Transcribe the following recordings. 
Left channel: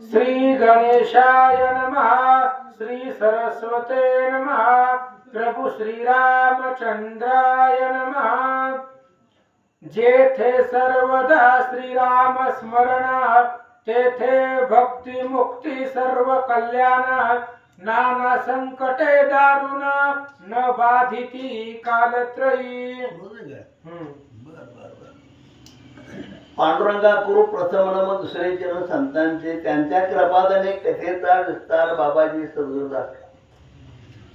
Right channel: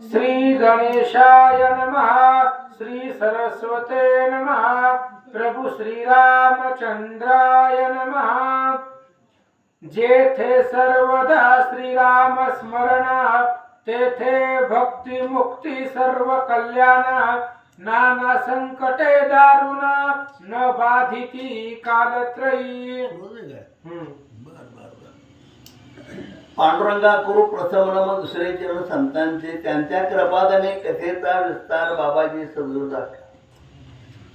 श्री गणेशाय नमः। श्री सरस्वते नमः। प्रभु श्री रामचंद्राय नमः। जेथे सर्वदा श्रीराम स्मरण, तेथे भक्ती मुक्ती सर्व कल्याण। नाना संकटे दारुण, न बाधिती कालत्रयी। पांडुरंगा कुरु प्रथम नम दुसरे चरण संतांचे, त्यांच्या कृपादाने कथेचा विस्तार बाबाजी सद्गुरुदा.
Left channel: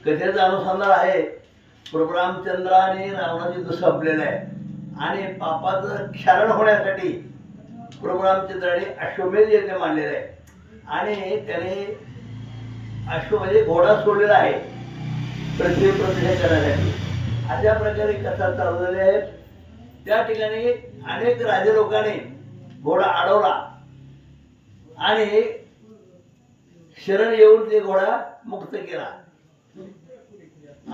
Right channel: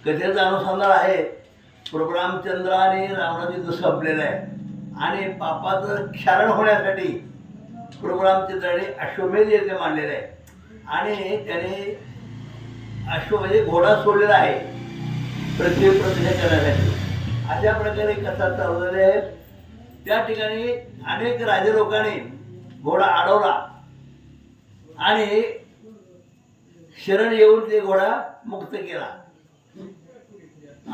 कथेचा अनुसंधान आहे प्रभू रामचंद्र आणि रावणाची युद्ध संपलेलं आहे आणि पापाचं क्षारण होण्यासाठी प्रभू रामचंद्राने अश्वमेध यज्ञ मांडलेला आहे आणि त्याने म्हणजे घोडा सोडलेला आहे पृथ्वी प्रदक्षिण करण्यासाठी. अशा प्रकारे कथा चालवलेली आहे. त्या ठिकाणी अनेक राजे लोकांनी घोडा अडवला आणि शरण येऊन ते घोडा मुक्त केला.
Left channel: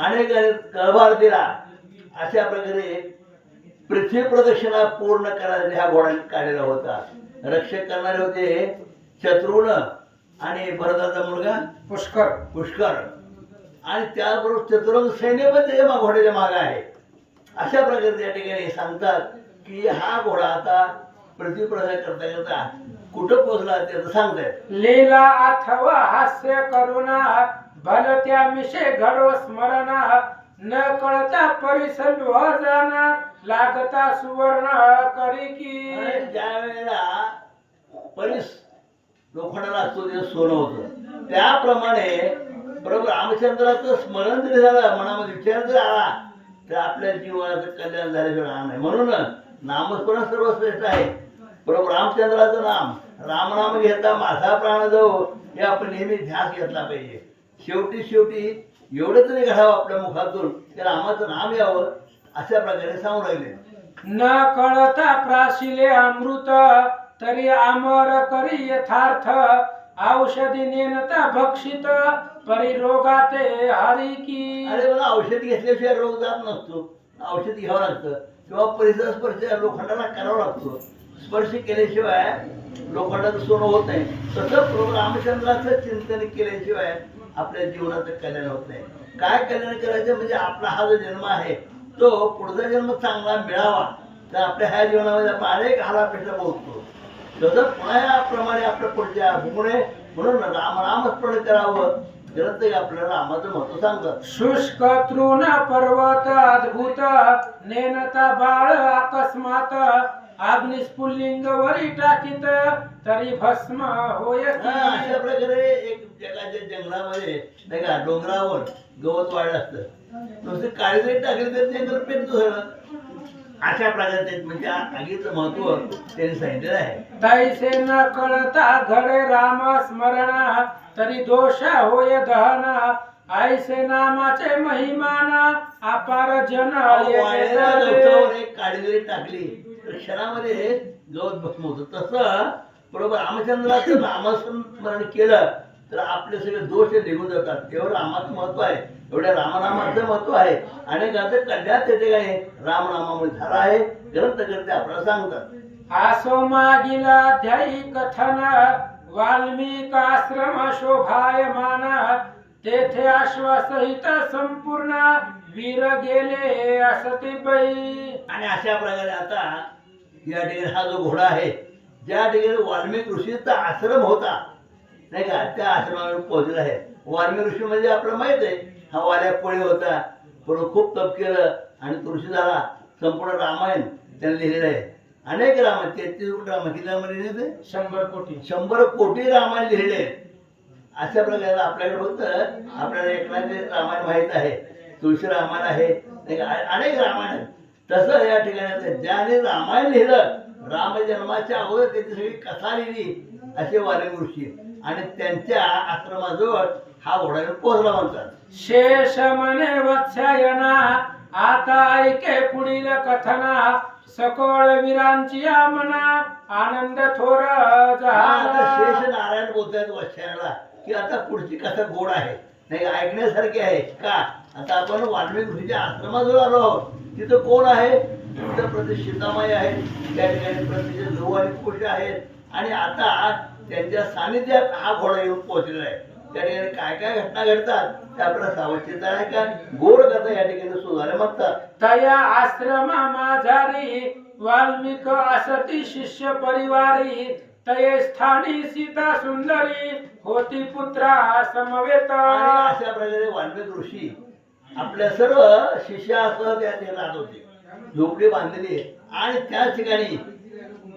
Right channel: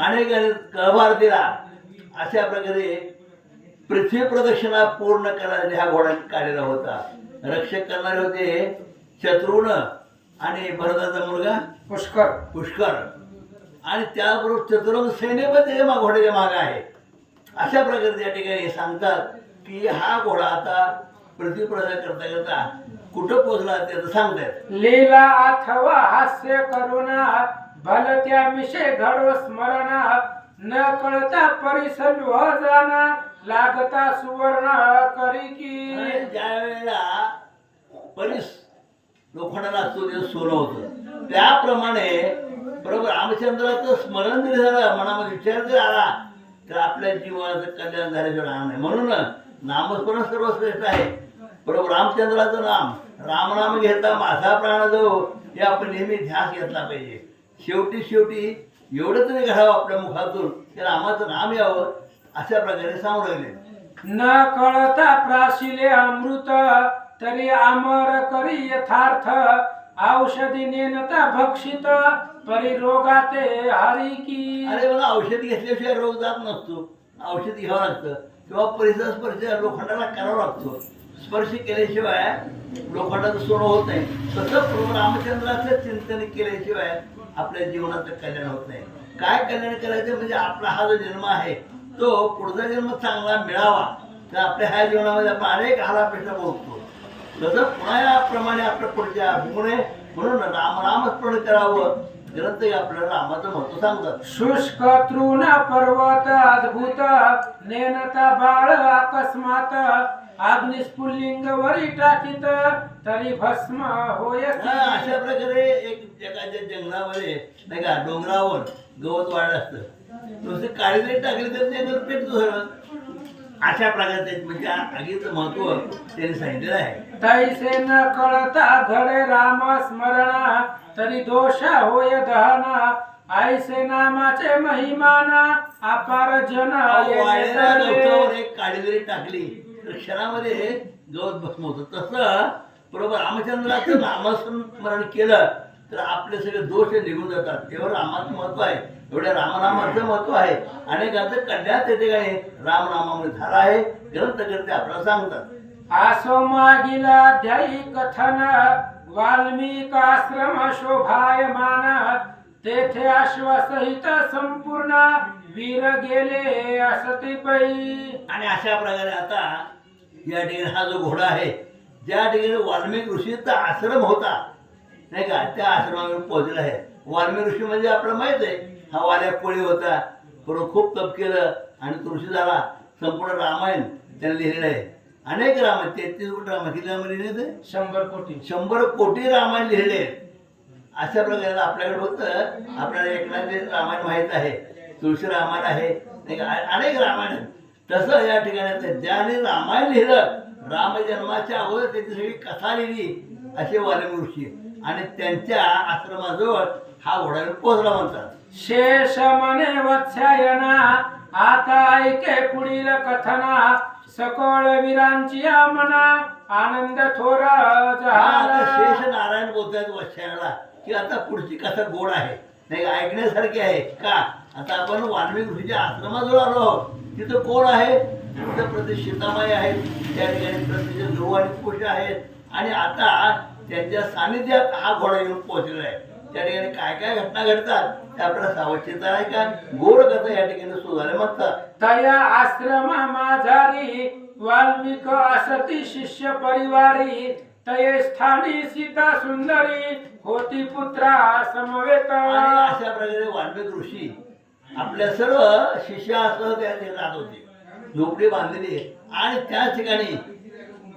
अनेक कळभार दिला. अशा प्रकारे पृथ्वी प्रदक्षिणा पूर्ण करायला हा घोडा काढलेला होता. रक्षक करणारे होते शत्रुघ्न आणि भरताचा मुलगा पुष्कर आणि त्याबरोबर चतुरंग सैन्य पण त्याच्या घोड्याच्या मागे आहे. अशा प्रकारे त्या ठिकाणी सांगतात की हा घोडा आता पृथ्वी प्रदक्षिणा करता करता कुठं पोहोचला त्याचं सांगतात. लीला अथवा हास्य करुणा, भलत्या मिशे घडो स्मरण. न कळता परिसंव जाना, लागता सुवर्ण करी की. ज्या वेळेला परीस लोखंडाला असतो ते सोनं होतं, त्याप्रमाणे प्रभू रामचंद्राचं स्मरण जरी झालं, मनामध्ये विचार जरी आला तर आपल्या जीवनाचं कल्याण झाल्याशिवाय राहणार नाही. म्हणून नामस्मरण सर्वश्रेष्ठ आहे. प्रभू रामचंद्राचं नाम, रामनाम घेता माझा प्राण जाऊ, हे आपण नेहमी ध्यास घेतला पाहिजे. शेवटी एवढं तरी घडावं आपल्या मुखातून त्या रामाचं नाम यावं, अशा प्रकारे सांगू राहिले. न कळता प्राशिले अमृत, तरी अमर करी यथार्थ. औषधी नेनता भक्षित, परिरोगाते हरी की. अरे बघा, औषधी घेतल्याशिवाय रोग जात नसतो. औषधी घ्यावं लागतं किंवा परिसर स्पर्श लोखंडाला करावा लागतो. स्पर्श केल्याशिवाय लोखंडाचं सोनं होत नाही. तसं प्रभू रामचंद्राचं चिंतन केल्याशिवाय आपल्या जीवनाचं कल्याण होत नाही. काय कल्याण करायचं म्हणजे आपला हा जो जन्म आहे तो पुढचा जन्म चांगला मिळावा, तर आपल्या ह्या जीवनामध्ये आपण अनेक हालापेक्षा भोगतो. तसं पुन्हा याप्रमाणे आपल्या पुढच्या गुणे म्हणून रामस्मरण करावं. ग्रंथ आपल्याला रामाचं महत्व सांगतात. शुष्क तृण पर्वत अद्भुत, नेनता बाळ अकस्मात. अग्निस्फुल्लिंग वरी टाकीत, तरी भस्म होय. अशा प्रकारे एक जगाच्या जंगलामध्ये नाही का डोंगरावर गवत वाढ असतं, नुसते काळी जरी टाकली तर ते पेटतो सगळं. अशा प्रकारचे म्हणजे आगीचं महत्व त्यांनी सांगितलेलं आहे. तैसे न कळता घडे राम स्मरण, तरी दोष होय दहन. ऐसे नामाचे महिमाना, अपार जन वाळलेल्या गवतावर एक काळी जरी टाकली तर क्षणामध्ये गवत भस्म होतं. तसं बरोबर रामचंद्राचं नामस्मरण केलं तर आपले सगळे दोष निघून जातात. तेव्हा रामाचं महत्व आहे, एवढ्या रामनामाचं महत्व आहे. अनेकांचं कल्याण त्या ठिकाणी रामनामामध्ये झाला आहे. ग्रंथकर्ते आपल्याला सांगतात. आसो मागीला ध्यायी कथन, वाल्मिकाश्रम शोभायमान. तेथे अश्वसहित संपूर्ण, वीर गेले असती पै. आणि अशा प्रकारे आता या ठिकाणी हा जो घोडा आहे, ज्या ठिकाणी वाल्मिक ऋषीचा आश्रम होता नाही का, त्या आश्रमावर पोहोचला आहे. वाल्मिक ऋषी म्हणजे आपल्याला माहित आहे, हा वाऱ्या कोळी होता, बरोबर खूप तप केलं आणि तो ऋषी झाला. संपूर्ण रामायण त्याने लिहिलेलं आहे. अनेक रामायण 33 कोटी रामायण किती रामायण लिहिले? 100 कोटी रामायण लिहिले. अशा प्रकारे आपल्याकडे फक्त आपल्याला एकनाथचे रामायण माहीत आहे, तुळशी रामायण आहे नाही का, अनेक रामायण. तसं या ठिकाणी ज्याने रामायण लिहिलं, रामजन्माच्या अगोदर त्याची सगळी कथा लिहिली असे वाल्मिक ऋषी, आणि त्यांच्या आश्रमाजवळ हा घोडा पोहोचला म्हणतात. शेष म्हणे वत्सायना, आता ऐके पुढील कथना. सकळ वीरांची मना, आनंद थोर झाला. शेष नारायण बोलतायत वत्सायनाला की आता पुढची कथा गोड आहे नाही, ऐकण्यासारखी आहे का. आता आपण वाल्मिक ऋषीच्या आश्रमाजवळ आलो आहोत. तिथं कोण आहे? तिथं प्रति सीतामाई आहे, त्या ठिकाणी प्रति ध्रुव आणि कुश आहेत. आणि आता त्यांच्या सानिध्यात हा घोडा येऊन पोहोचलेला आहे. त्या ठिकाणी काय काय घटना घडतात ते आपल्याला सावधचेता आहे का गोड कथा या ठिकाणी सुधारे म्हणतात. तया आश्रमा माझारी वाल्मिक असती शिष्य परिवारी तये स्थानी सीता सुंदरी होती पुत्रा समवेत. आणि अशा प्रकारे वाल्मिक ऋषी आपल्या सर्व शिष्यासह त्या ठिकाणी राहत होते. झोपडी बांधलेली आहे आणि त्याच ठिकाणी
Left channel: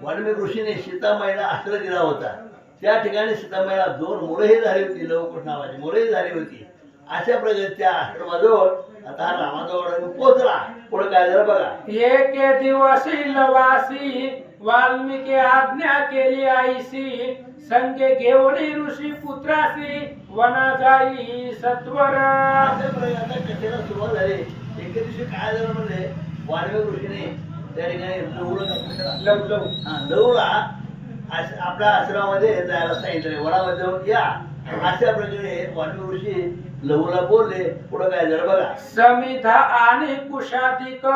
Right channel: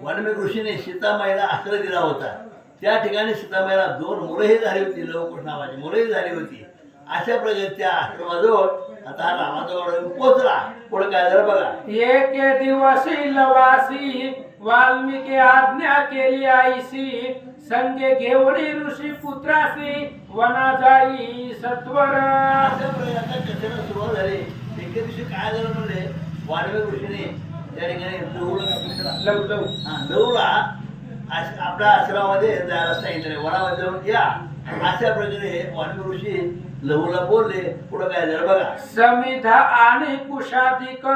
वाल्मिक ऋषीने सीतामाईला आश्रय दिला होता. त्या ठिकाणी सीतामाईला 2 मुलंही झाली होती, लवकुश नावाची मुलंही झाली होती. अशा प्रकारे त्या आश्रमाजवळ आता रामाजवळ येऊन पोहोचला. पुढे काय झालं बघा. एके दिवशी लवासी वाल्मिकी आज्ञा केली आईसी संगे घेऊनी ऋषी पुत्रासी वना जाई सत्वर. अशा प्रकारे आता कथेला सुरुवात झाली. एके दिवशी काय झालं म्हणजे वाल्मिक ऋषीने त्या ठिकाणी लवला आपल्या आश्रमामध्ये जायला सांगितलं. वनामध्ये जाऊन या. अशा प्रकारे वाल्मिक ऋषी लहूला बोलले. पुढे काय झालं बघा. समिधा आणि कुशाधिक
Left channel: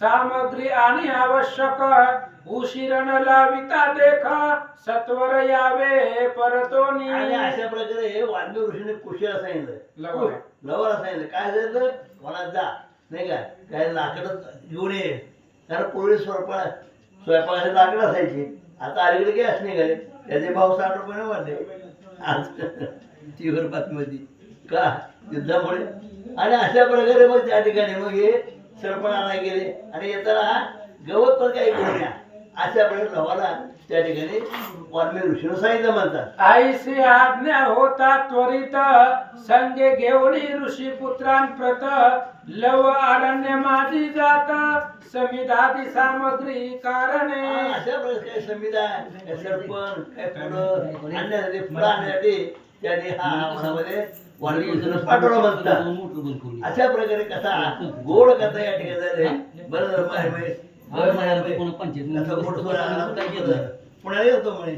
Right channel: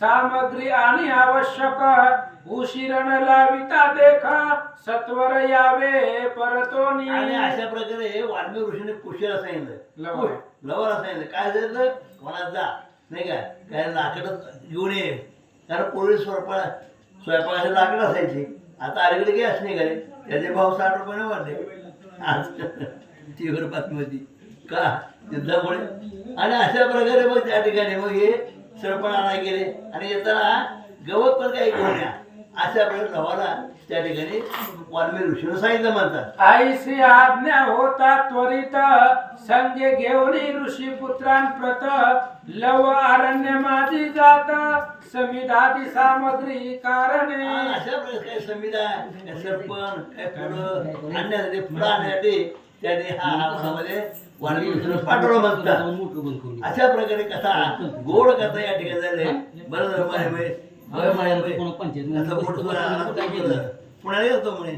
सामग्री आणि आवश्यक उशीर न लाविता देख सत्वर यावे परतोनी. आणि अशा प्रकारे वाल्मिक ऋषीने कुशीला सांगितलं, लवाला सांगितलं काय झालं वनात जा नाही का, काय लाकडं घेऊन ये. कारण पूर्वी स्वयंपाकाचे लाकडं असायची. आता अलीकडे गॅस निघाले, त्याचे भाव 60 रुपयाने वाढले आज टीव्हीवर बातमीमध्ये का युद्धामुळे. आणि अशा प्रकारे मग त्या ठिकाणी मग हे सरपण आणायला गेले आणि येताना गवत पण काही घेऊन या. अशा प्रकारे लवाला त्या ठिकाणी वाल्मिक ऋषीने सांगितलं म्हणतात. आईसी आज्ञा होता त्वरित संगे घेऊनी ऋषी पुत्रांप्रत लव अरण्य माझी जात समिधादी सामग्री कारणे. अशा प्रकारे काय संविधा काय सरपण काय फुलं आणण्यासाठी फुलं आणण्यासाठी त्याने हा मनामध्ये वाल्मिक ऋषीने पाठवलं म्हणतात. अशा प्रकारे कथा गोड कथा या ठिकाणी झाले. बरं पुण्याला येतो म्हणे.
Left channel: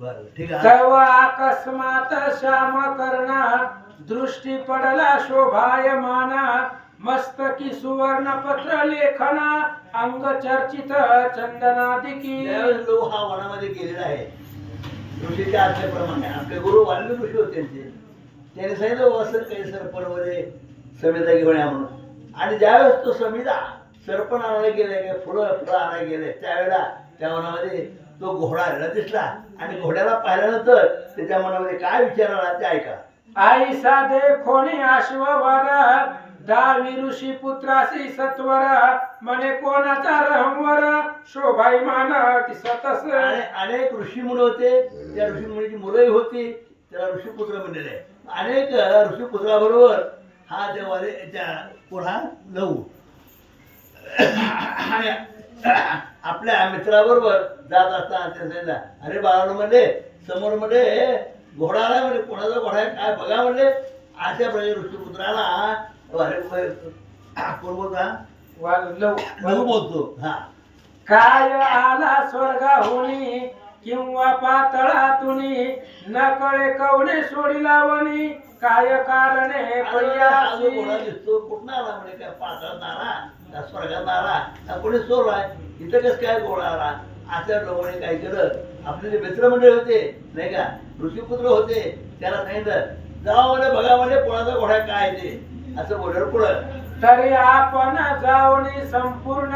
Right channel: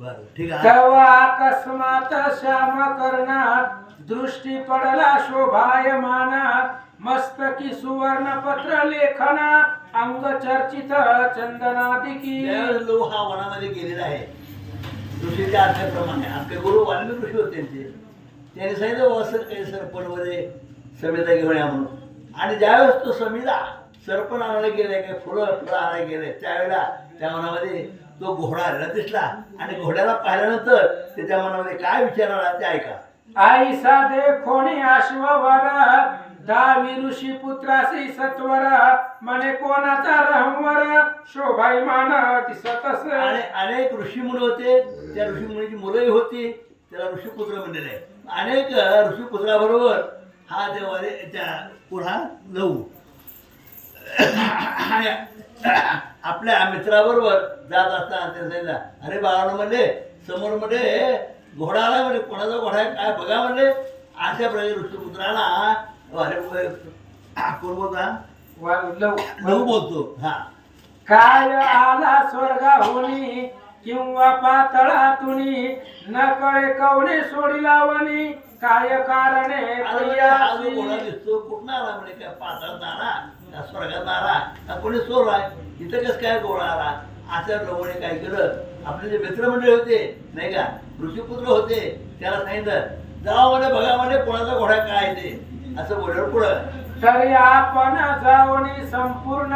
बरं ठीक आहे. तेव्हा अकस्मात श्याम कर्णा दृष्टी पडला शोभायमाना मस्तकी सुवर्ण पत्र लेखना अंग चर्चित चंदनादिकी. त्यावेळेस लोक हा वनामध्ये गेलेला आहे. ऋषीच्या आज्ञेप्रमाणे आपले गुरु वाल्मिक ऋषी होते त्यांनी सांगितलं वसर काही सरपण मध्ये समिधा घेऊन या म्हणून. आणि ज्यावेळेस तो समिधा सरपण आणायला गेले काय फुलं आणायला गेले त्यावेळेला त्या मनामध्ये तो घोडा आलेला दिसला. आणि घोड्याला पाहिल्यानंतर त्याच्या मनामध्ये काय विचार आला ते ऐका. आई साधे खोणी अश्ववर दावी ऋषी पुत्रासी सत्वर म्हणे कोणाचा रहमवर शोभायमान दिसतस. आणि अनेक ऋषीमुळे होते. त्या ऋषीमुळीची मुलंही होती. त्याला ऋषीपुत्र म्हणलेले आहे. अनेक ऋषीपुत्राबरोबर हा देवाले त्या पुन्हा लहू आपल्या मित्राबरोबर जात असताना ते सांगितलं अरे बाळानं म्हणले समोर मध्ये घोडा आला म्हणजे कोणाचा घोडा आहे काय बघा म्हणले. अशा प्रकारे ऋषीपुत्राला अरे कोण बोलता लहू बोलतो. हा काय आला स्वर्गाहुनी किंवा पातळातुनी न कळे कवणे सोडिला वनी काय कारणे हा जो घोडा दिसतो कुठं आला म्हणजे काय पातळात आला का स्वर्गात आला का कोणी चोर आहे इथं कसं काय घोडा आला. अशा प्रमाणे काय केलं आपले जे मित्रमंडळी होते नाही का ऋषीपुत्र होते त्याला सांगितलं जावा म्हणे बघा म्हणे कोणाचा घोडा काय ते असं बोलल्यावर पुढं. तरी आपण जाऊनी संपूर्ण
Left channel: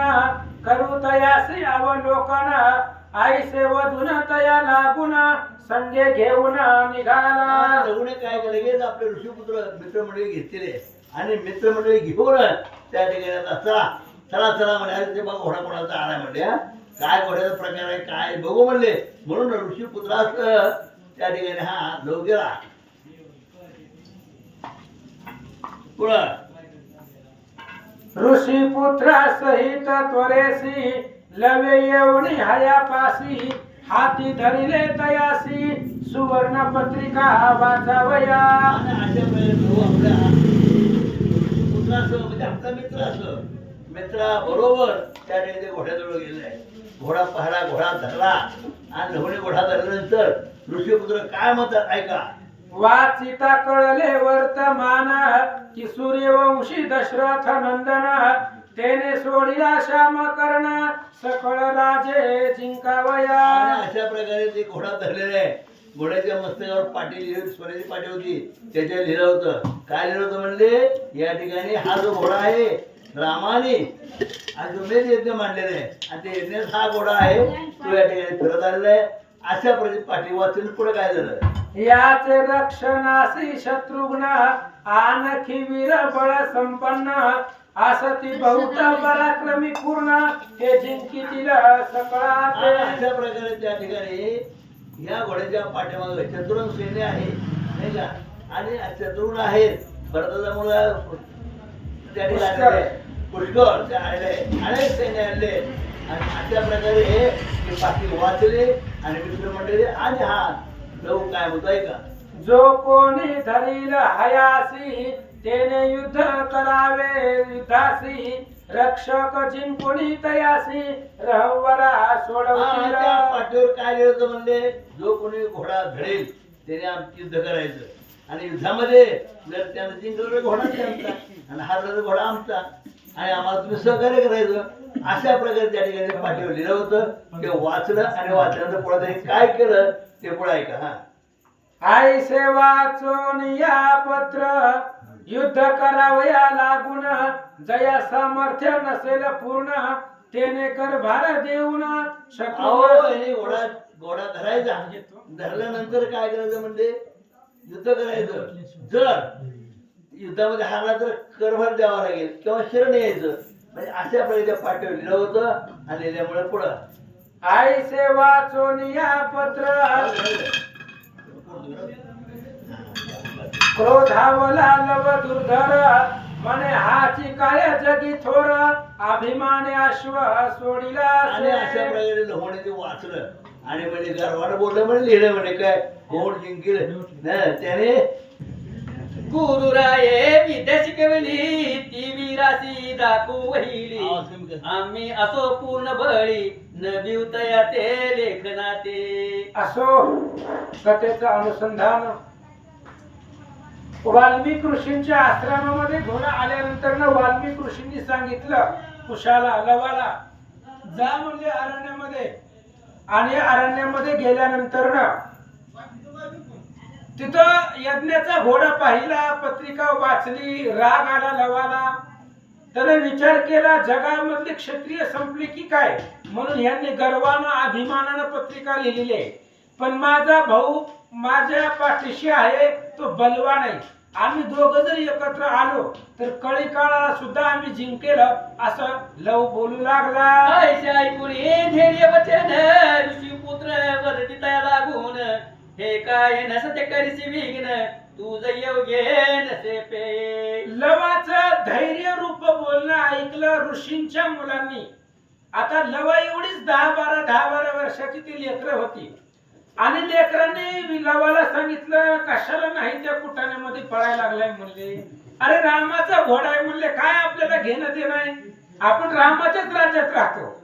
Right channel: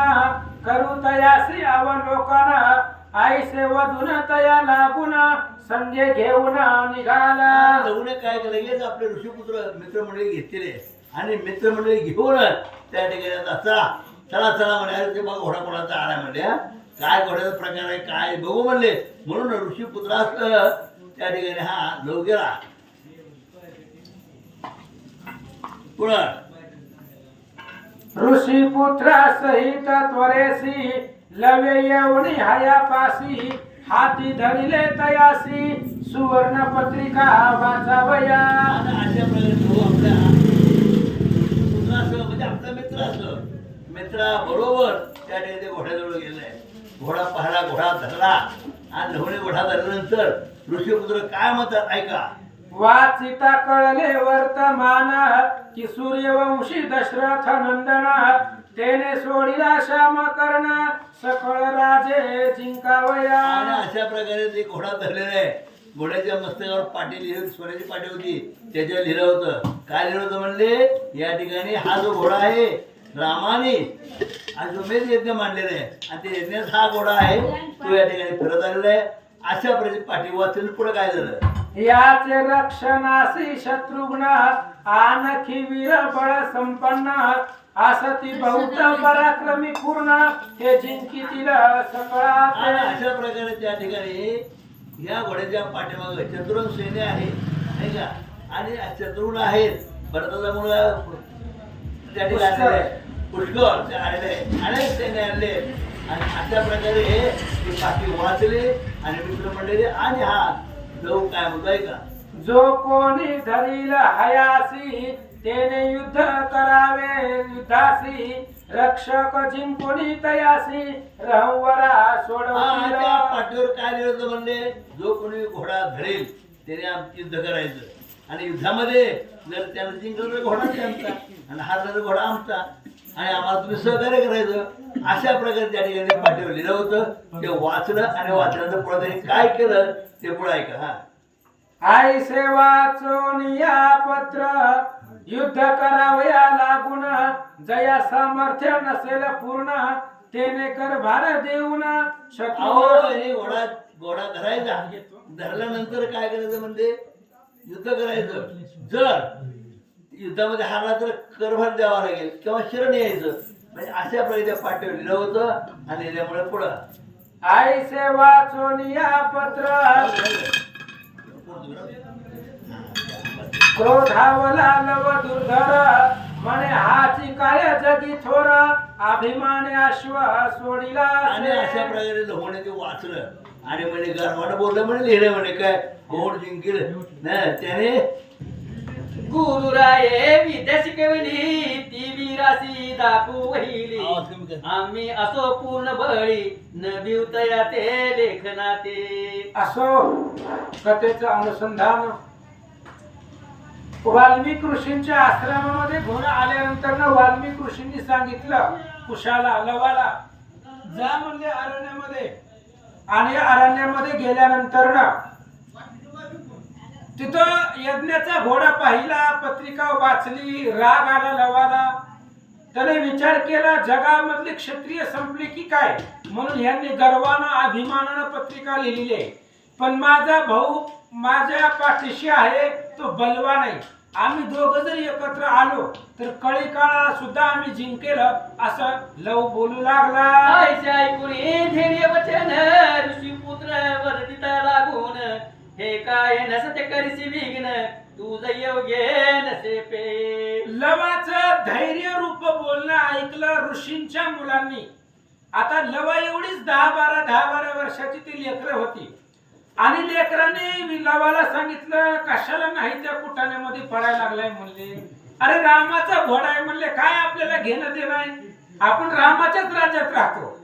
करू तयासी अवलोकन आईसे वधून तया लागून संजय घेऊन निघाला. लग्न काय केलं लगेच आपले ऋषीपुत्र मित्रमंडळी घेतलेले आणि मित्रमंडळी घेऊन त्या ठिकाणी चला चला चला म्हणे ते बघा घोडा कोणाचा आला म्हणजे काय घोड्याचा प्रकार आहे काय बघू म्हणले. म्हणून ऋषीपुत्रास त्या ठिकाणी हा लव गेला. पुढं ऋषी पुत्रा सहित त्वरेसी लवे येऊनी हयापासी हाती धरिले तयासी सुवर्ण पत्रिका वाचावया. अशा प्रकारे तो आपल्या ऋषीपुत्रासह म्हणजे आपला मित्र असं मित्राबरोबर त्या ठिकाणी घोड्याजवळ गेलाय. घोडा पाहिला घोडा धरला आणि लवणे घोडा धरल्यानंतर ऋषीपुत्र काय म्हणतात ऐका. वाचिता कळले वर्तमान की सूर्यवंशी दशरथ नंदन तेने सोडिला श्याम कर्ण सकळ राजे जिंकावया. आणि अशा प्रकारे ते घोडा धरलेला आहे. घोड्याच्या मस्तकावर पाटी लिहिली, सोन्याची पाटी होती, त्याच्यावर लिहिलं होतं. काय लिहिलं होतं म्हणले, या ठिकाणी हा जो घोडा आहे रामाने अश्वमेध यज्ञ मांडलेला आहे आणि ते यज्ञात हा घोडा आहे तो या ठिकाणी फिरत आलेला आहे. अशा प्रकारे पाठी वाचून पुढे काय झालं, याचे रक्षणासी शत्रुघ्न आणखी वीर बळ संपन्न असती बहुत पराक्रमी पूर्ण हे जिंकीतील सकळा. आणि अशा प्रकारे त्या ठिकाणी या घोड्याच्या पाठीमागे चतुरंग सैन्य आहे नाही का, आणि चतुर्ण आहेत भरताचा मुलगा त्या ठिकाणी आलेला आहे. पुष्कळ ते आलेले आहे, अनेक सैन्य आणले आणि अशा प्रकारे ते बाकी वाचले आणि मित्र मंडळी आणि हा लव काय होतोय का, जो कोणी धरील हयासी तेने युद्ध करावे युद्धासी रक्षक जिंकुनी तयासी रहवरा त्या सोडवतील. पाठीवर काय लिहिलं होतं म्हणले, जो कोणी घोडा धरेल त्याने आमचं युद्ध करायचं आणि युद्धामध्ये जर त्यानं जिंकलं तर घोडा त्यांचा आणि हारला तर घोडा आमचा आणि आम्हाला तुम्ही सहकार्य करायचं. अशा प्रकारे त्या ठिकाणी पाठीवर लिहिलं होतं. ते वाचलं आणि वाचल्यानंतर पुढे त्यांनी काय केलं ते पुढे ऐका. हा, आई सेवाचोन या पत्र युद्ध करावया लागून जया सामर्थ्य नसेल पूर्ण तेने कर भार देऊन अहो, शत्रू. हे घोडा धरायचा, धरल्यानंतर काय करायचं म्हणजे युद्ध करायचं. जर युद्धामध्ये हारला तर करभार द्यावा लागेल किंवा शरण यायचं. म्हणजे अशा प्रकारे त्या पाठीवर लिहिलं होतं आणि त्यामुळे पुढं आई सेवाचोन या पत्र क्रोधावला लव दुर्धर मने हाची काय जगी थोर अभिमाने अश्व सोडिला. आणि अशा प्रकारे होण्याचे वाचलं आणि म्हणजे गर्वानं बोललं म्हणे लिहिलं म्हणे काय घोड जिंकेल ना त्याने. गुरुराये विद्या शिकवली ती वीरासी दाखवू वहिली आम्ही असो पूर्ण बळी न भिवतया ते लेखनाते. असो कथेचं अनुसंधान वाल्मिक ऋषींच्या आश्रमामध्ये घोडा आल्यानंतर वाल्मिक ऋषींनी सांगितलं कुशाला लवाला जा म्हणले अरण्यामध्ये. आणि अरण्यामध्ये गेल्यानंतर तिथं यज्ञाचा घोडा पाहिला, पत्रिका वाचली, राग आला लवाला. त्याने विचार केला जगामधली क्षत्रिय संपली की काय, म्हणून यांनी गर्वानं अभिमानानं पत्रिका लिहिलेली आहे. पण माझा भाऊ माझ्या पाठीशी आहे, तो बलवान आहे. आम्ही दोघं जर एकत्र आलो तर कळी काळाला सुद्धा आम्ही जिंकेल असं लव बोलू लागला. ऐसे ऐकून धैर्य वचन ऋषी पुत्र वर्तिता लागून हे काय नसते करीसी विघ्न तुझ योग्य नसे पे. लवाचं धैर्य रूप बोलणं ऐकलं ऋषींच्या मुलांनी. आता लवा एवढीच 10-12 वर्षाची ती लेकरं होती आणि लेकरांनी लवाला सांगितलं कशाला नाही त्या कुटाण्यामध्ये पडायला लागलाय म्हणले. अरे रामाचा घोडा आहे म्हणले, काय आपल्याला घेणं देणं आहे, आपण रामाच्याच राज्यात राहतो.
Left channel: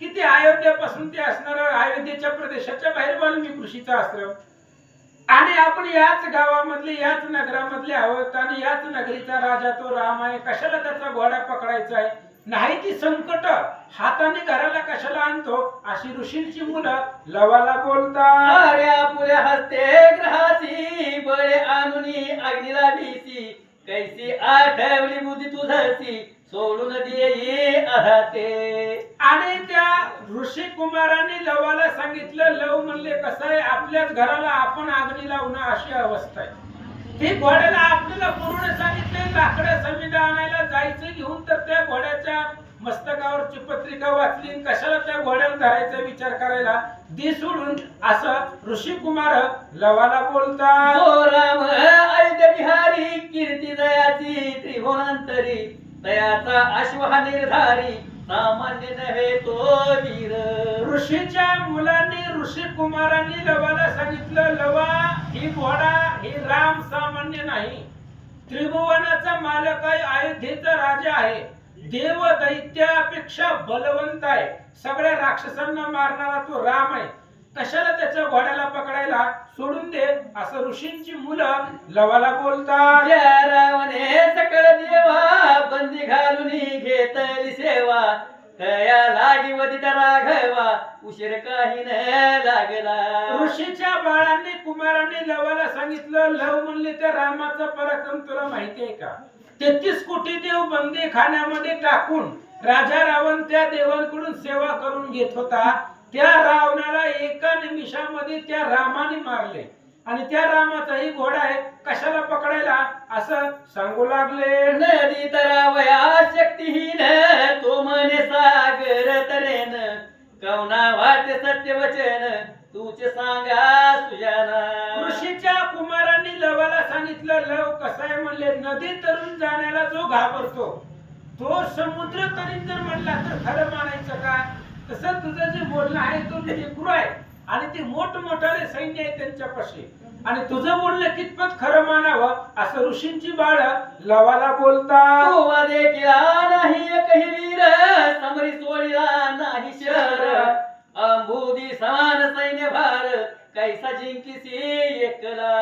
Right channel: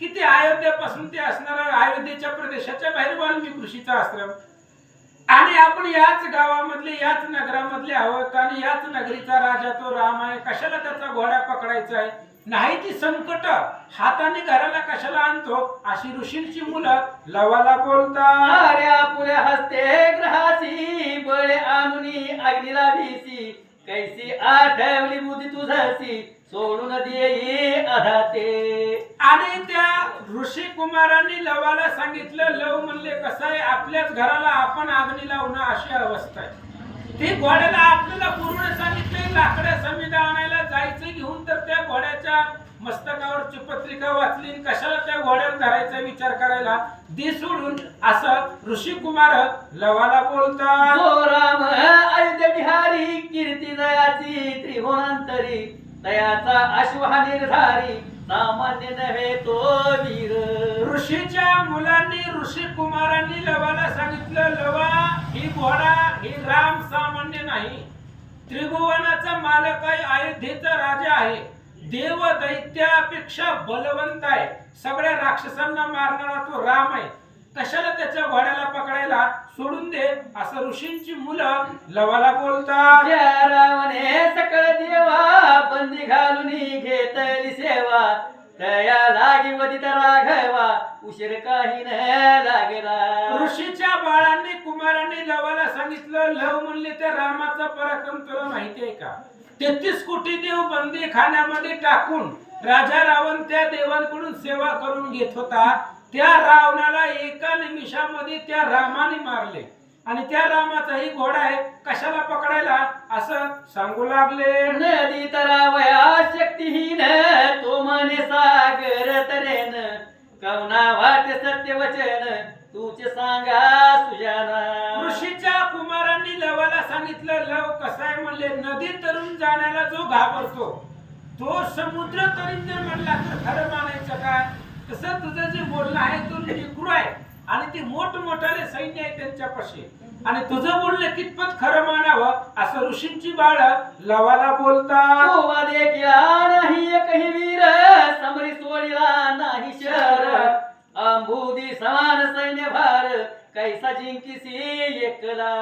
किती अयोध्येपासून ते असणार, अयोध्येच्या प्रदेशाच्या बाहेर वाल्मिक ऋषीचा आश्रम आणि आपण याच गावामधले याच नगरामधले आहोत आणि याच नगरीचा राजा तो राम आहे. कशाला त्याचा घोडा पकडायचा आहे, नाही ती संकट हाताने घराला कशाला आणतो, अशी ऋषींची मुलं लवाला बोलतात. अरे आपुल्या हस्ते ग्रहासी बळे आणूनी अग्नीला भीसी कैसी आठवली बुद्धी तुझसी सोडून देई आधाते. आणि त्या ऋषी कुमारांनी लवाला सांगितलं, लव म्हणले कसं आहे आपल्याच घराला आपण अग्नी लावणं अशी अवस्था आहे. ती घोड्याला आपल्याला पूर्ण सांगितले लाकडं समिधा आणायला जायचं घेऊन, तर त्या घोड्याच्या मस्तकावरची पत्रिका वाचली, कशाला त्या घोड्याला धरायचा विचार करायला दे सोडून, असं ऋषी कुमार लवाला बोलतात. जो राम अयोध्या बिहारी कीर्ती दयाची त्रिभुवनांतरी दयाचा अश्वा निर्धारी सामान्य नव्हे तो वीर. ऋषीच्या मुलांनी ऋषी कुमारांनी लवाला सांगितलं, लवा ही घोडा ही राम सामान्य नाही, त्रिभुवनाचा मालक आहे, अयोध्येचा राजा आहे, देव दैत्यापेक्षा बलवंत आहे, सगळ्या राक्षसांना मारणारा तो राम आहे. कशाला त्याच्या घोड्याला पकडायला सोडून दे असं ऋषींची मुलं लवाला बोलतात. ज्या रावणे सकळ देवा बंदी घालून घेतली सेवा तया लागी वदित राघवा उशीर काही न लागला. ऋषीच्या बाळांनी कुमारांनी लवाला सांगितलं, लव म्हणले त्या रामाचा पराक्रम तुला माहिती आहे का? 33 कोटी देव बंदी खाण्यामध्ये टाकून राजा रावण त्या देवांकडून सेवा करून घेत होता. त्या रावणाला एका निमिषामध्ये त्या रामाने मारले आणि त्या रामाचाही घोडा आहे, कशाला पकडायला असं सांगू लागले. नदी तरावया शक्तीहीन तो मने सागर तरेन कवना वाटे सत्य वचन तुझे सांगा सुजाना. ऋषीच्या कुमारांनी लवाला सांगितलं, लव कसा आहे म्हणले, नदी तरून जाण्याला जो घाबरतो तो समुद्र तरी जर म्हणला तर खरं मानायचं का? तसं तुझं जे बोलणं आहे तो लेकरू आहे आणि ते मोठमोठाले सैन्य आहे त्यांच्यापाशी आणि तुझं बोलणं कितपत खरं मानावं असं ऋषींची बाळ लवाला बोलतात. तोवा देखिला नाही एकही वीर समरी सोडिला नाही शर अंबुदी समान सैन्य भार कैसा जिंकीसी एकला.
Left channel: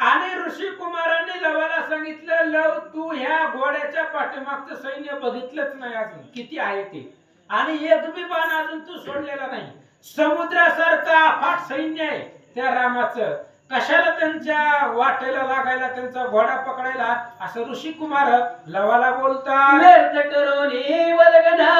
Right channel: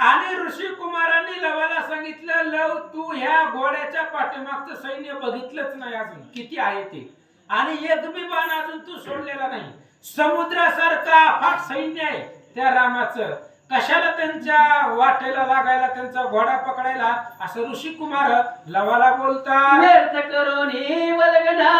आणि ऋषी कुमारांनी लवाला सांगितलं, लव तू ह्या घोड्याच्या पाठीमागचं सैन्य बघितलंच नाही अजून किती आहे ते आणि एक बी बाण अजून तू सोडलेला नाही. समुद्रासारखा अफाट सैन्य आहे त्या रामाचं, कशाला त्यांच्या वाटेला लागायला त्यांचा घोडा पकडायला असं ऋषी कुमार लवाला बोलतात. व्यर्थ करून वलगना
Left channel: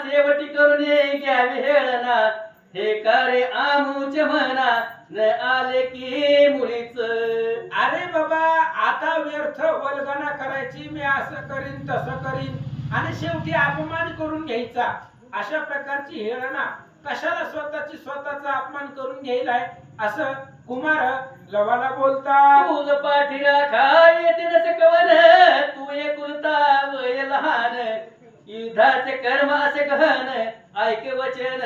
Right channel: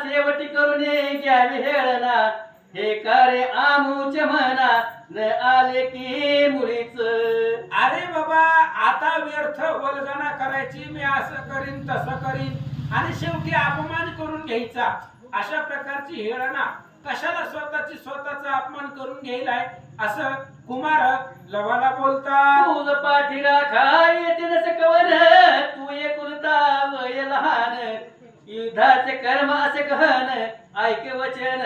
सेवटी करून घ्यावी हेळना हे कार्य आमूच म्हणा न आले की मुळीच. अरे बाबा आता व्यर्थ वल्गना करायची, मी असं करीन तसं करीन आणि शेवटी अपमान करून घ्यायचा, अशा प्रकारची हेळना कशाला स्वतःचा अपमान करून घ्यायलाय असं कुमार लवाला बोलतात. तुझ पाठी राखा येते नसे कवन तू एकुलता वय लहान युद्धाचे कर्म असे गहन ऐक वचन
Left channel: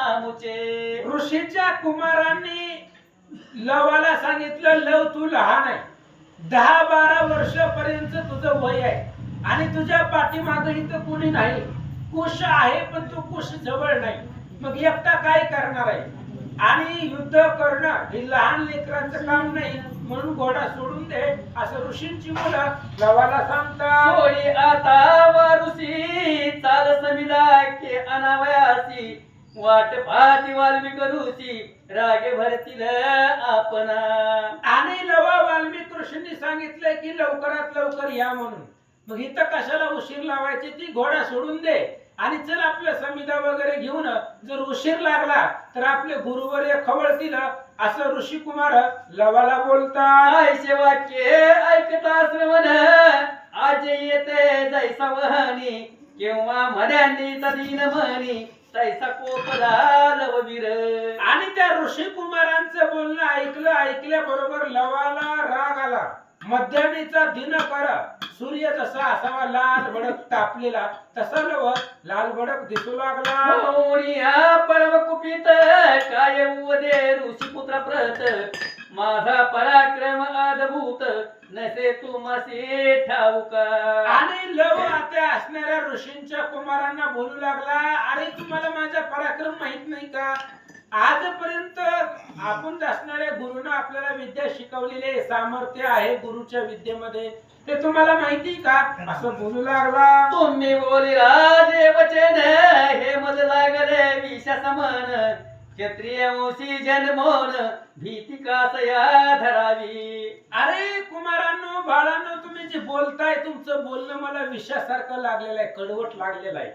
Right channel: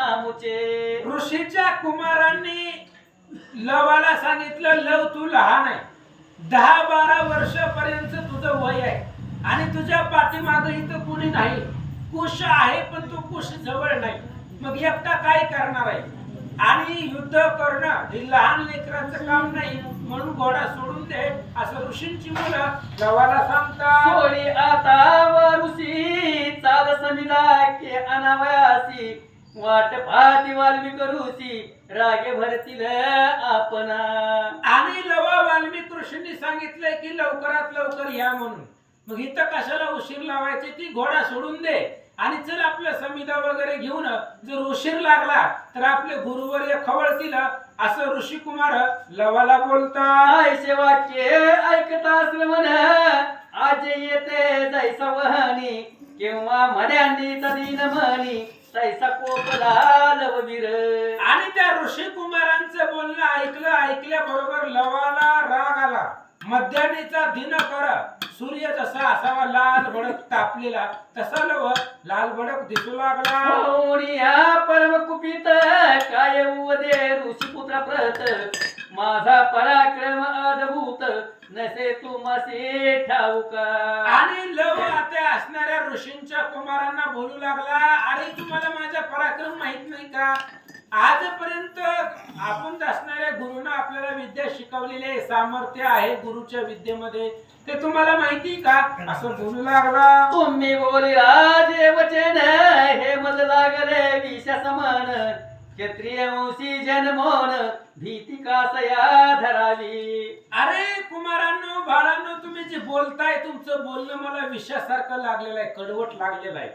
आमुचे. ऋषीच्या कुमारांनी लवाला सांगितलं, लव तू लहान आहे, 10-12 वर्षापर्यंत तुझं वय आहे आणि तुझ्या पाठीमागे इथं कुणी नाही, कुश आहे पण तू कुश जवळ नाही, मग एकटा काय करणार आहे आणि युद्ध करणं हे लहान लेकरांचं काम नाही, म्हणून घोडा सोडून दे असं ऋषींची मुलं लवाला सांगतात. सोडी आता वारुसी चाल समिला के अनावयासी वाट पाहती वाल्मिक ऋषी रागे भरतील आपणा. आणि लवा वाल्मिक ऋषींनी सांगितलंय की लवकरात लवकर या म्हणून, मग इथं कशाला उशीर लावायची, ती घोडा सोडून दे आणि चल आपल्या समिधा वगैरे घेऊन, जर उशीर लागला तर आपले गुरुवर खवळतील असं ऋषी कुमार लवाला बोलतात. आयशे वाक्य ऐकता श्रवण आज येते जैसा वहनी केव्हा मर्यांदीचा दिन म्हणी तैसा कोपला लववीर. आणि त्या ऋषी कुमारांचं बोलणं ऐकल्याबरोबर लवाला राग आला. मध्यान्हीचा दिनकर सूर्य जसा असावा लाल भडक तापलेला तसा लव लाल भडक दिसू लागला. होणिया परम कुपित काय उदे ऋषी पुत्र प्रत माझा पराक्रम अद्भुत नसे तुमसे ठाऊका. आणि लव आता असणाऱ्या ऋषींच्या कुमारांना बोलू लागला, अरे तुम्हाला माझा पराक्रम माहित नाही का? आजपर्यंत आपण असणाऱ्या गुरुनं आपल्याला विद्या शिकवलेली आहे, सामर्थ्य आहे गुरुच्या विद्येमध्ये, ते तुम्हाला माहिती का असं बोलू लागला. तुम्ही बोली राजे वचन हे मल लागले विषा समान क्षत्रिय वंशी जन्मोन भीती कासया धरावी. अरे कुमारांनो बाळांनो, तुम्ही जे बोलताय तुमचं बोलणं मला विषासारखं लागलेलं आहे, कडवट लागलेलं आहे.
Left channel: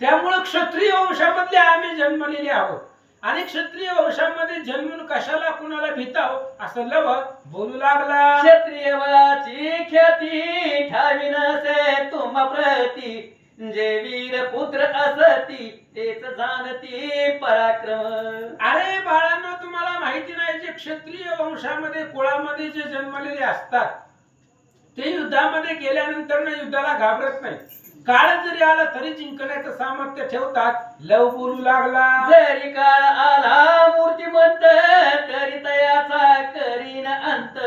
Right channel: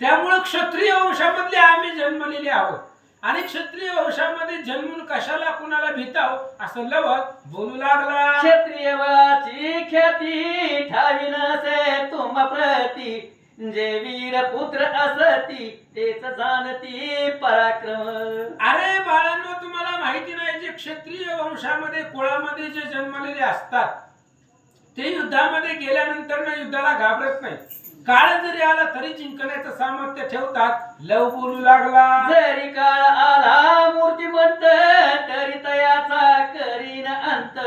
त्यामुळे क्षत्रिय वंशामधले आम्ही जन्मलेले आहोत आणि क्षत्रिय वंशामध्ये जन्मून कशाला कुणाला भीताव असं लव बोलू लागला. क्षत्रिय बळाची ख्याती ठावी नसे तुम्हा प्रती जे वीर पुत्र असती तेच जाणती पराक्रम. अरे बाळांनो, तुम्हाला माहिती नाही, जे क्षत्रिय वंशामध्ये कुळामध्ये जे जन्मलेले असतात ते युद्धामध्ये गेल्यानंतर ना युद्धाला घाबरत नाही, काळ जरी आला तरी जिंकण्याचं सामर्थ्य ठेवतात. लव बोलू लागला. जरी काळ आला मूर्तिमंत तरी तयाचा करीन अंत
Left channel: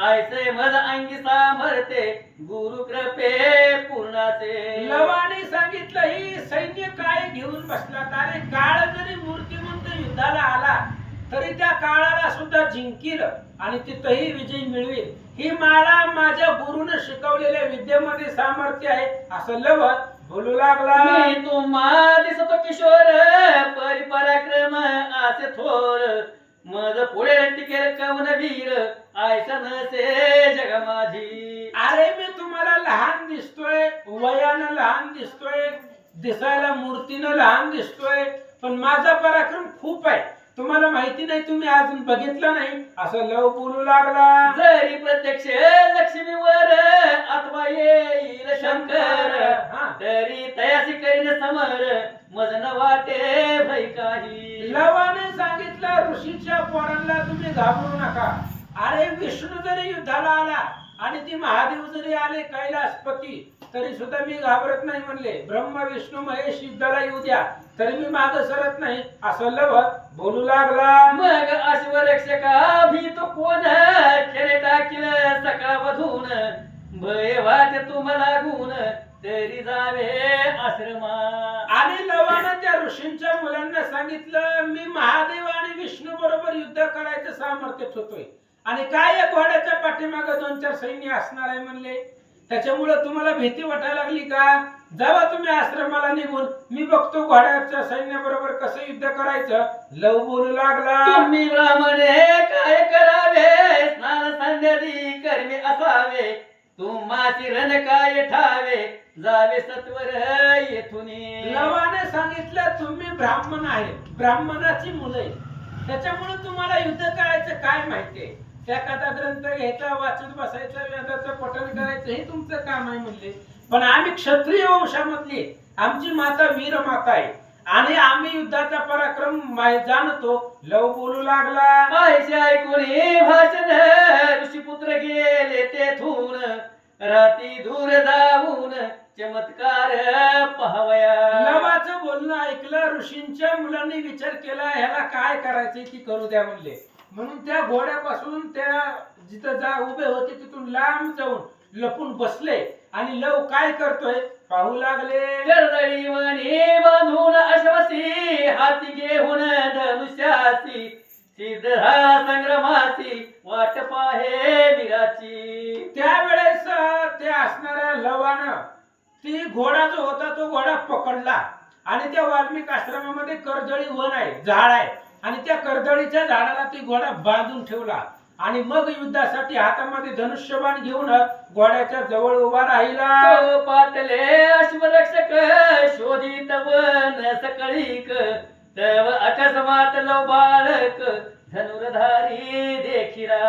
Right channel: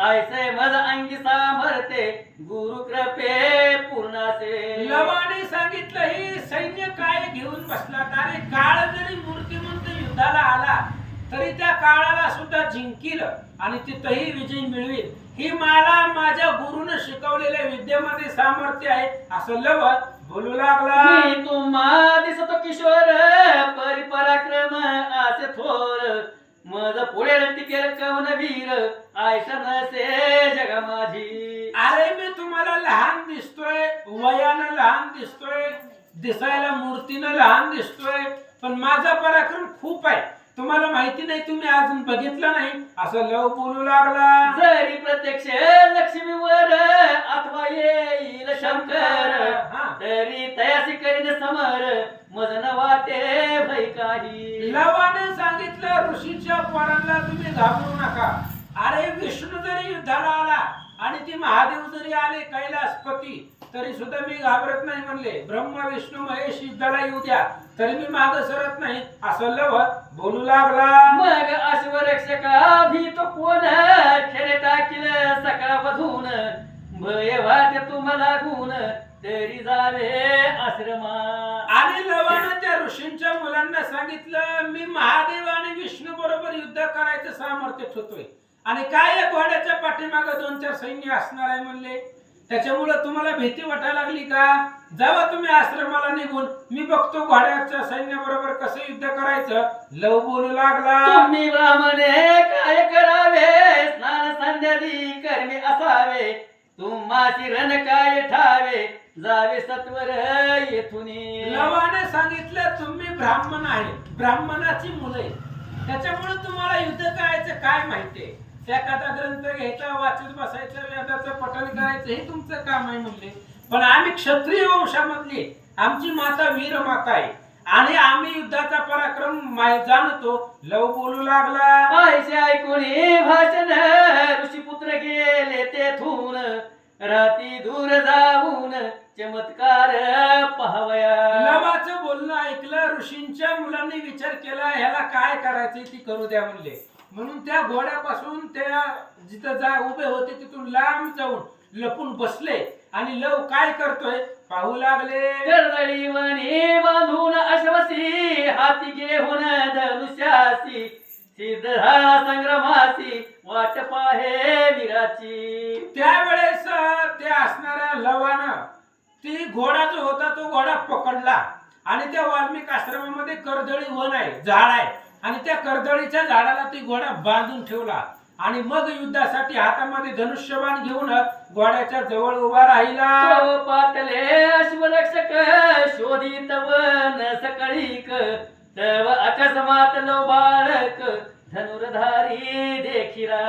ऐसे मज अंगी सामर्थ्य गुरु कृपे पूर्णासे. लवाने सांगितलं, ही सैन्य काय घेऊन बसलात? अरे काळ जरी मूर्तिमंत युद्धाला आला तरी त्या काळाला सुद्धा जिंकील आणि तिथंही विजय मिळवेल. ही मला माझ्या गुरुनं शिकवलेल्या विद्येमध्ये सामर्थ्य आहे असं लव बोलू लागला. मी तुम्हा दिसतो किशोर परिपराक्रम असे थोर मज पुढे टिकेल कवन वीर आयशा नसे जग माझी. अरे मी तुम्हाला लहान दिसतोय, वयानं लहान दिसतोय, दिसायला मूर्तीनं लहान दिसतोय, पण माझा पराक्रम खूप आहे. तुम्हाला माहिती नाही, तुम्ही अजून बघितलं नाही असं लव बोलू लागला. जरी प्रत्यक्ष लक्ष्मीवर अथवा येईल शंकर हा. तरी तयासी करीन समर मज न वाटे भय काही. लवाने सांगितलं ऋषीच्या पोरांना तुम्ही घाबरू नका. अरे विष्णू जरी युद्धाला आला आणि ती महादेव जरी आले कैलासपती तरी सुद्धा मी घाबरत नाही म्हणले. ब्रह्मा विष्णू महेश युद्धाला येऊ द्या तरी मी माग सरत नाही असं लव बोलू लागला. मग अश्वरक्षका भीतो कोण खेळे टाकील सकाळ वधून भय वाटे तुम्हाला गुण तरी जावे आश्रमा. आणि लवानं त्या ऋषींच्या मुलांना सांगितलं मी महादेव आणि विष्णू बरोबर युद्ध करायचं सामर्थ्य होतोय आणि काय या घोड्याच्या पाठीमागे 2-4 सैन्य असणार आहे म्हणले. त्याच्यामुळे तुम्हाला भीती वाटायला लागली का? जावा तुम्ही आश्रमाला निघून, मी बघतो घोड्याच्या सैन्याबरोबर कसं युद्ध करायचं. लव बोलू लागला. तुम्ही ब्राह्मणे काय करावे स्नान संध्यादी कर्मी असावे तुम्हाची रण काय ठावे जावे सत्वर येथून. लवाने सांगितलं तुम्ही ब्राह्मण आहे, ब्राह्मणाची मुलं आहे, त्याच्यामुळे तुम्हाला युद्ध करायचं काय माहितीये. एखादा ग्रंथ घ्यायचा, वाचत बसायचं, वेदाचं पठण करायचं हे तुमचं काम आहे म्हणले. पण आम्ही क्षत्रिय वंशामधली, आमची माता वीर माता आहे आणि आम्ही युद्धाचा पराक्रम जाणतो. लव बोलू लागला. ऐसे ऐकून भाषण ऋषीपुत्र गेले तेथून राती दूर जाऊन चमत्कार पाहावया. लवाचं बोलणं ऐकलं. ऋषींच्या मुलांनी विचार केला ह्याला काय करायचंय ती करू द्या म्हणले. म्हणून त्या घोड्यापासून त्या जिथं उभे होते तिथून लांब जाऊन लपून बसले आणि लव काय करतोय पाहू लागले. कर्दळी मणी बांधून अश्वसी हाती घेऊन धनुष्यासी सिद्ध संग्रमासी वाट पाहे वीराची. त्यावेळेस ते असणाऱ्या लवानं ती घोडा जो होता तो घोडा पकडला आणि त्या वाल्मिक आश्रमामध्ये कर्दळी वन आहे, झाड आहे आणि त्या कर्दळीच्या झाडाला ती घोडा बांधून ठेवला आणि मग युद्धासाठी हातामध्ये धनुष्यबाण घेऊन घोड्याच्या जवळ उभा राहिला. तो पातले अश्वरक्षक शोधित वन सकळीक तव अकस्मात लो बाळक धनुर्धारी देखिला.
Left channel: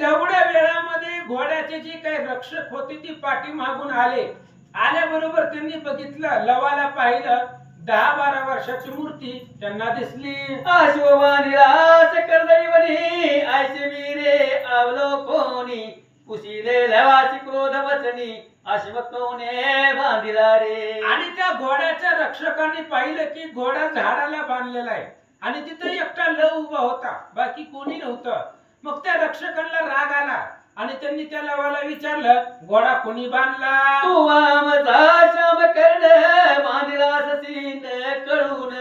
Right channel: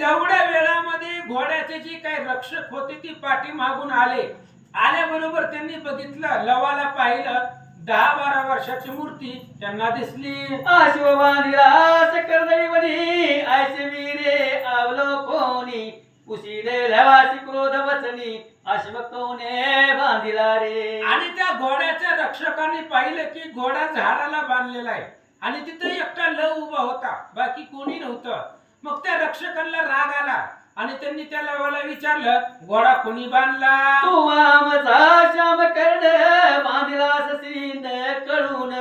तेवढ्या वेळामध्ये घोड्याचे जे काही रक्षक होते ती पाठी मागून आले. आल्याबरोबर त्यांनी बघितलं, लवाला पाहिलं. 10-12 वर्षाची मूर्ती त्यांना दिसली. अश्ववाणीला कर्दळी वनी ऐसे वीरे आवलो कोणी कुशीले लवासी क्रोध वचनी अश्व कोणे बांधिला रे. आणि त्या घोड्याच्या रक्षकांनी पाहिलं की घोडा झाडाला बांधलेला आहे आणि तिथे एकटा लव उभा होता, बाकी कोणी नव्हतं. मग त्या रक्षकांना राग आला आणि त्यांनी त्या लवाला विचारलं घोडा कोणी बांधला. तू वामचा श्याम कर्ण बांधिला सीन कळून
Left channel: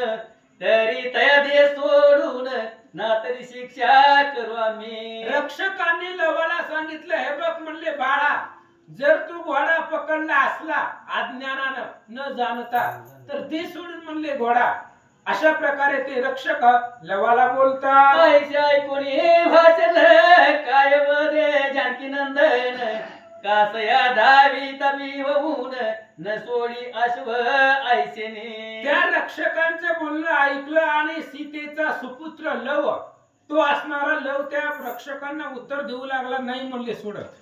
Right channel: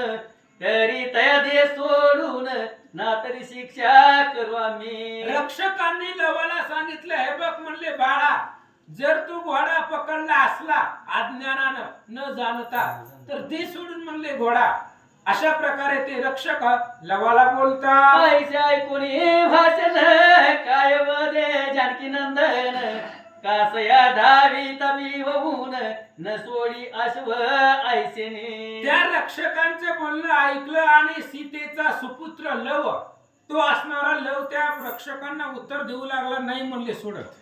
तरी तया दे सोडून ना तरी शिक्षा करू आम्ही. रक्षकांनी लवाला सांगितलं हे बघ म्हणले बाळा, जर तू घोडा पकडला असला अज्ञानानं न जाणता तर दे सोडून म्हणले घोडा. अशा प्रकारे ते रक्षक लवाला बोलतात. ऐसे ऐकून भाषण काय वदे जानकी नंदन कासया धावी तबी होऊन न सोडी अश्व ऐसेने. त्या रक्षकांचं बोलणं ऐकलं आणि सीतेचा सुपुत्र लव, तो असणारा लव त्या रक्षकांना उत्तर देऊ लागला, नाही म्हणले सोडत.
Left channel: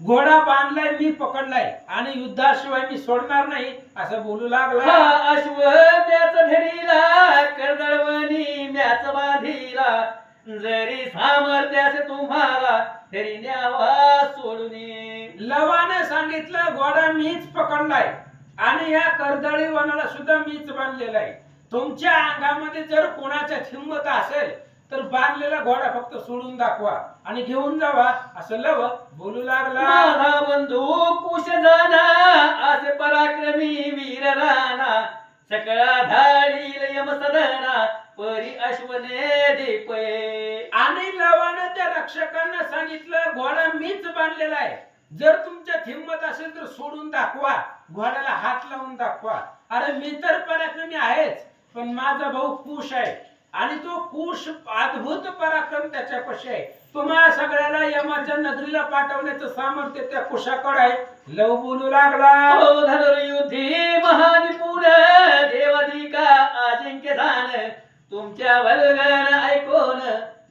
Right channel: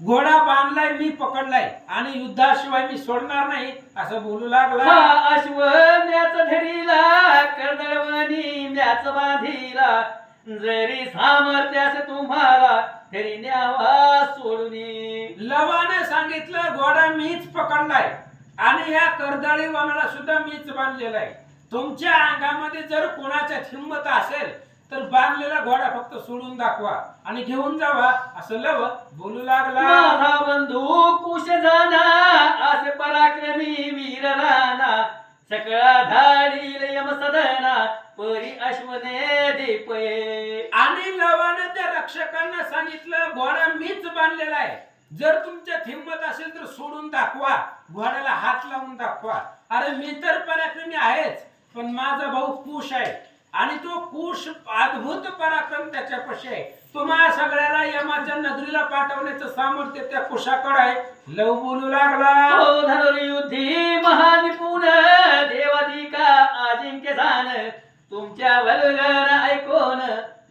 घोडा बांधलाय, मी पकडलाय आणि युद्धाशिवाय मी सोडणार नाही असं बोलू लागला. हा अश्व म्याच धरीला कर्दळवणी म्याच बांधिला जरी सामर्थ्यास तुम्हाला तरी न्यावा सोडून. लवाने सांगितलं घोडा मीच पकडलाय आणि या कर्दळी वनाला सुद्धा मीच बांधलेला आहे. तुमच्या अंगामध्ये जर कोणाच्या हिंमत असेल तर बांधलेला घोडा फक्त सोडून दाखवा आणि घेऊन जावा असं लव बोलू लागला. माझा बंधू कुश जाना असे पराक्रमी वीर राणा सकळा धाडील यम सदना परी अश्वने दीपये. आणि लवानं त्या रक्षकांना सांगितलं घोडा मीच बांधलेला आहे, जर तुमच्यात हिंमत असेल तर सोडून दाखवा, घोड्याला हात लावून दाखवा. अरे मी तर पराक्रमी आहेच, पण माझा भाऊ कुश आहे आणि तो कुश अद्भुत पराक्रम त्याच्यापाशी आहे. तुम्हा सगळ्याला यमाच्या नगरीला पाठवण्याचं सामर्थ्य त्या कुशाकडे आहे. लव बोलू लागला, तो धनुर्युद्धी महानिपुण देवाधिका अजिंक्य झान, तुमच्या वल्गन ऐकून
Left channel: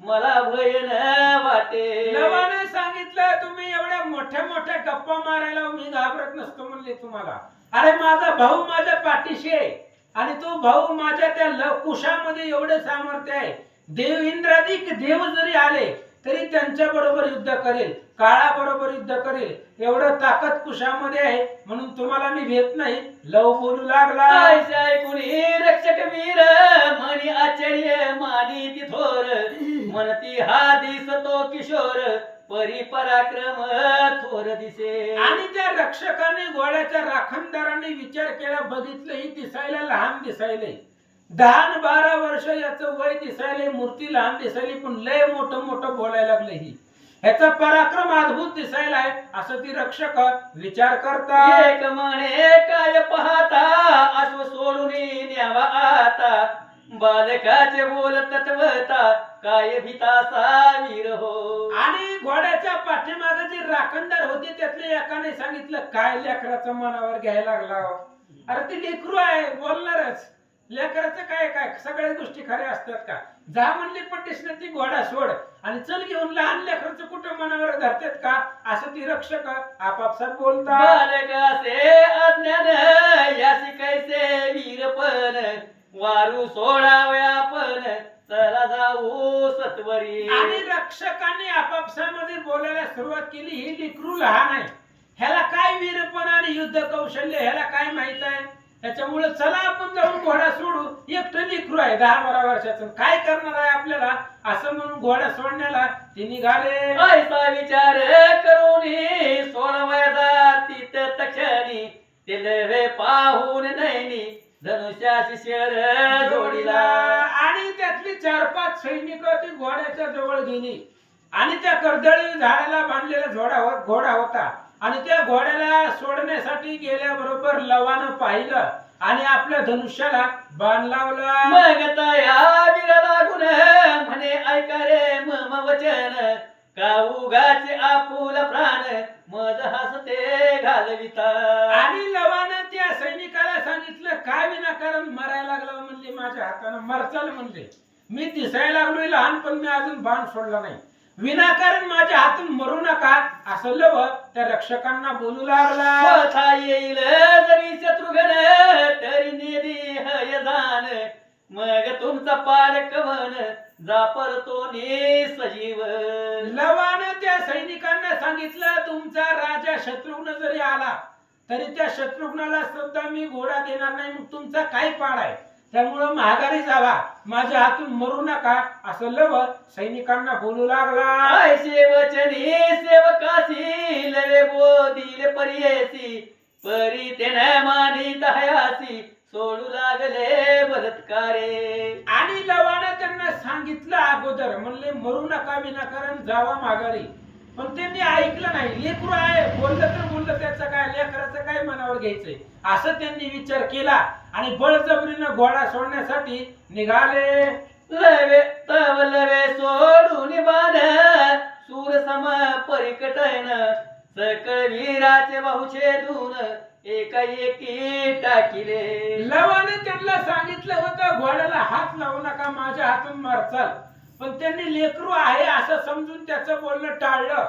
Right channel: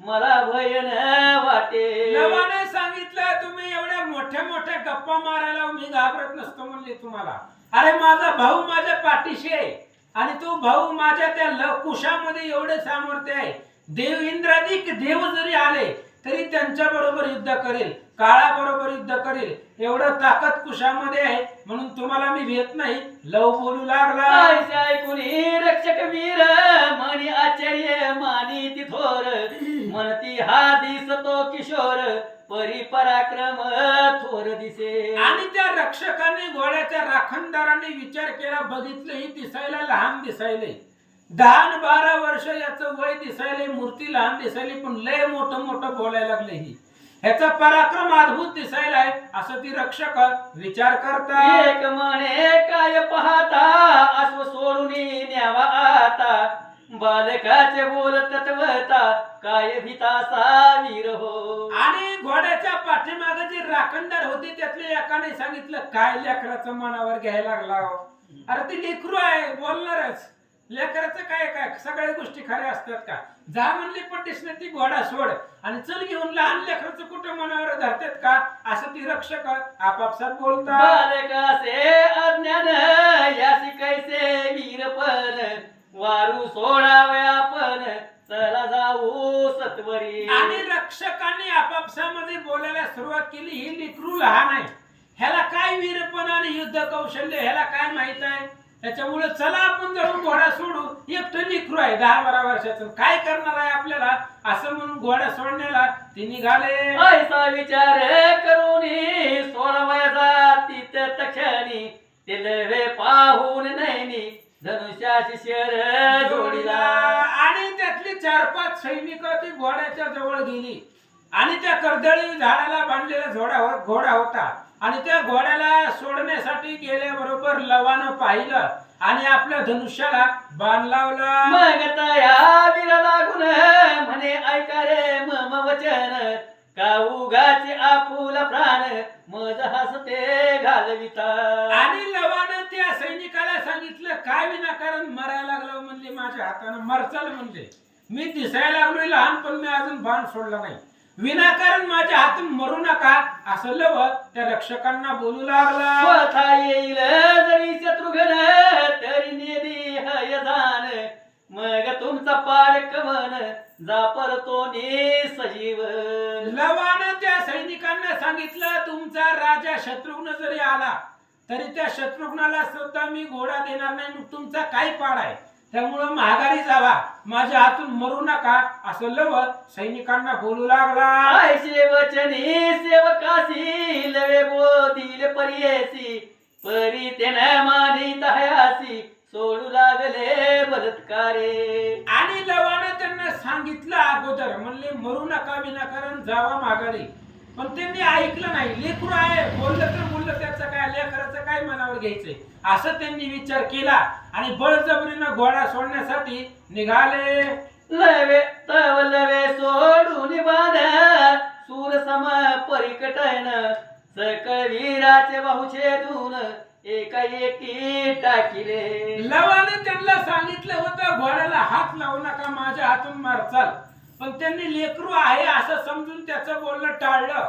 मला भय न वाटे. लवाने सांगितलं तुम्ही एवढ्या मोठ्या मोठ्या गप्पा मारायला मी घाबरत नसतो म्हणले तुम्हाला. अरे माझा भाऊ माझ्या पाठीशी आहे आणि तो भाऊ माझ्या त्या कुशामध्ये एवढे सामर्थ्य आहे. देव इंद्रादिक देव जरी आले तरी त्यांच्या बरोबर युद्ध करेल, काळा बरोबर युद्ध करेल, एवढं ताकद कुशामध्ये आहे, म्हणून तुम्हाला मी भेट नाही. लव बोलू लागला, ऐसे ऐकुनी रक्षक वीर म्हणी आश्चर्य मानी ती थोर, म्हणती हा दिसतो किशोर परी पराक्रम थोर दिसे. आणि त्या रक्षकाने घोड्याच्या राखणदाराने विचार केला, बघितलं ही दिसायला लहान दिसायले, 10-12 वर्ष याचं वय दिसायले, मूर्ती लहान दिसायली, पण लय मोठं मोठं बोलायला लागले. ही ह्याचा पराक्रम अद्भुत दिसायला आहे असं ती रक्षक विचार करतात. एक म्हणे काय पाहता अश्व सोडून न्यावा आता, बालकाचे बोल तत्वता काय भीतासा वीर हो. आणि घोड्याच्या पाठीमागे जे राखणदार होते त्यातल्या एकाने सांगितलं, काय लेकराचं मनावर घ्यायला लागला हो? अरे ती लेकरू आहे, बोलणारच, लेकराचं काय काय सगळ्या गोष्टी खऱ्या असतात का? जा म्हणली पट्टीसने ती घोडा सोड आणि चल घेऊन, लहान लेकराचं कुठं मनावर धरतात का? असं ती रक्षक आपापसात बोलतात. बालकाचे अज्ञान यासी कैसे वीरपण, वारू सोडावया पण चला जाऊ सत्वरी. आणि रक्षकांनी आपापसामध्ये बोलायला सुरुवात केली, ही लेकरू लहान आहे, ह्याला काय वीरपण आणि युद्ध कौशल्य ह्याला काय माहित आहे, त्याच्यामुळे चला आपण जाऊन घोडा सोडू. एकटं लेकरू आहे 10-12 वर्षाचं, काय करणार आहे आपल्याला, असं म्हणून घोडा सोडण्याला ते निघाले. ऐसा विचार करून सोडवायचा तिथ तक्षणी, तिलवे पाहून नैनी धनुष्याशी शर जोडीला. आणि त्यातली 4-5 सैनिक ती घोड्याच्या जवळ गेली आणि त्या कर्दळी झाडाला बांधलेला घोडा होता आणि त्या घोड्याला सोडण्यासाठी गेल्याबरोबर लवानं पाहिलं आणि आपल्या धनुष्याला बाण लावला. मग तया वीरा लागून म्हणे ऐका रे मम वचन, का उगाचे आपुला प्राण मज हसते घालविता. आणि लवानं त्या सैनिकाला सांगितलं, काय विनाकारण मरायला लागला म्हणले, माझ्या हातानं मरचाल म्हणले, मी दिसायला लागलोय लहान पण मी अजून बाण सोडला नाही, विनाकारण माझ्या हातून मरू नका, असं लव त्या रक्षकांना बोलू लागला. कथा येईल जरी शत्रुघ्न तरी नेदी हय जाण, मग तुमचा पाड कवन जा परतो ने सजीवन. लवानं त्या सैनिकांना सांगितलं, तुमचा राजा शत्रुघ्न जरी आला तरी त्या शत्रुघ्नाला सुद्धा मी घोडा देणार नाही, मग तुमचा काय पाड आहे, त्यामुळं माघारी जावा, माझ्या हातून मरू नका, असं लव सैनिकांना बोलू लागला. ऐसे वचनी सेवकासी लवे बोधिले परियेसी, परी तेने मानी दह्यासी सोडू लागले बलात्कारे. आणि लवानं त्यांना सांगितलं अगोदर, म्हणले मरू नका, विनाकारण जावा माघारी, पण त्यांनी ऐकलं नाही. लेकरू आहे, बोललं तर बोललं, त्याचं काय, लेकराचं काय मनावर घ्यायचंय, असं त्यांनी विचार केला आणि बळजबरीनं घोडा सोडण्यासाठी निघाले. लवे तव लवे सोडून बाण, सूर सम परिकटन, सकळ वीराचे बाहू छेदून एकाएकी टाकिले. लवाने त्यांना सांगितलं होतं घोड्याला हात लावू नका, माझ्या हातून मारचाल, पण त्यांनी लेकरू आहे असं समजून त्याचं बोलणं टाळलं.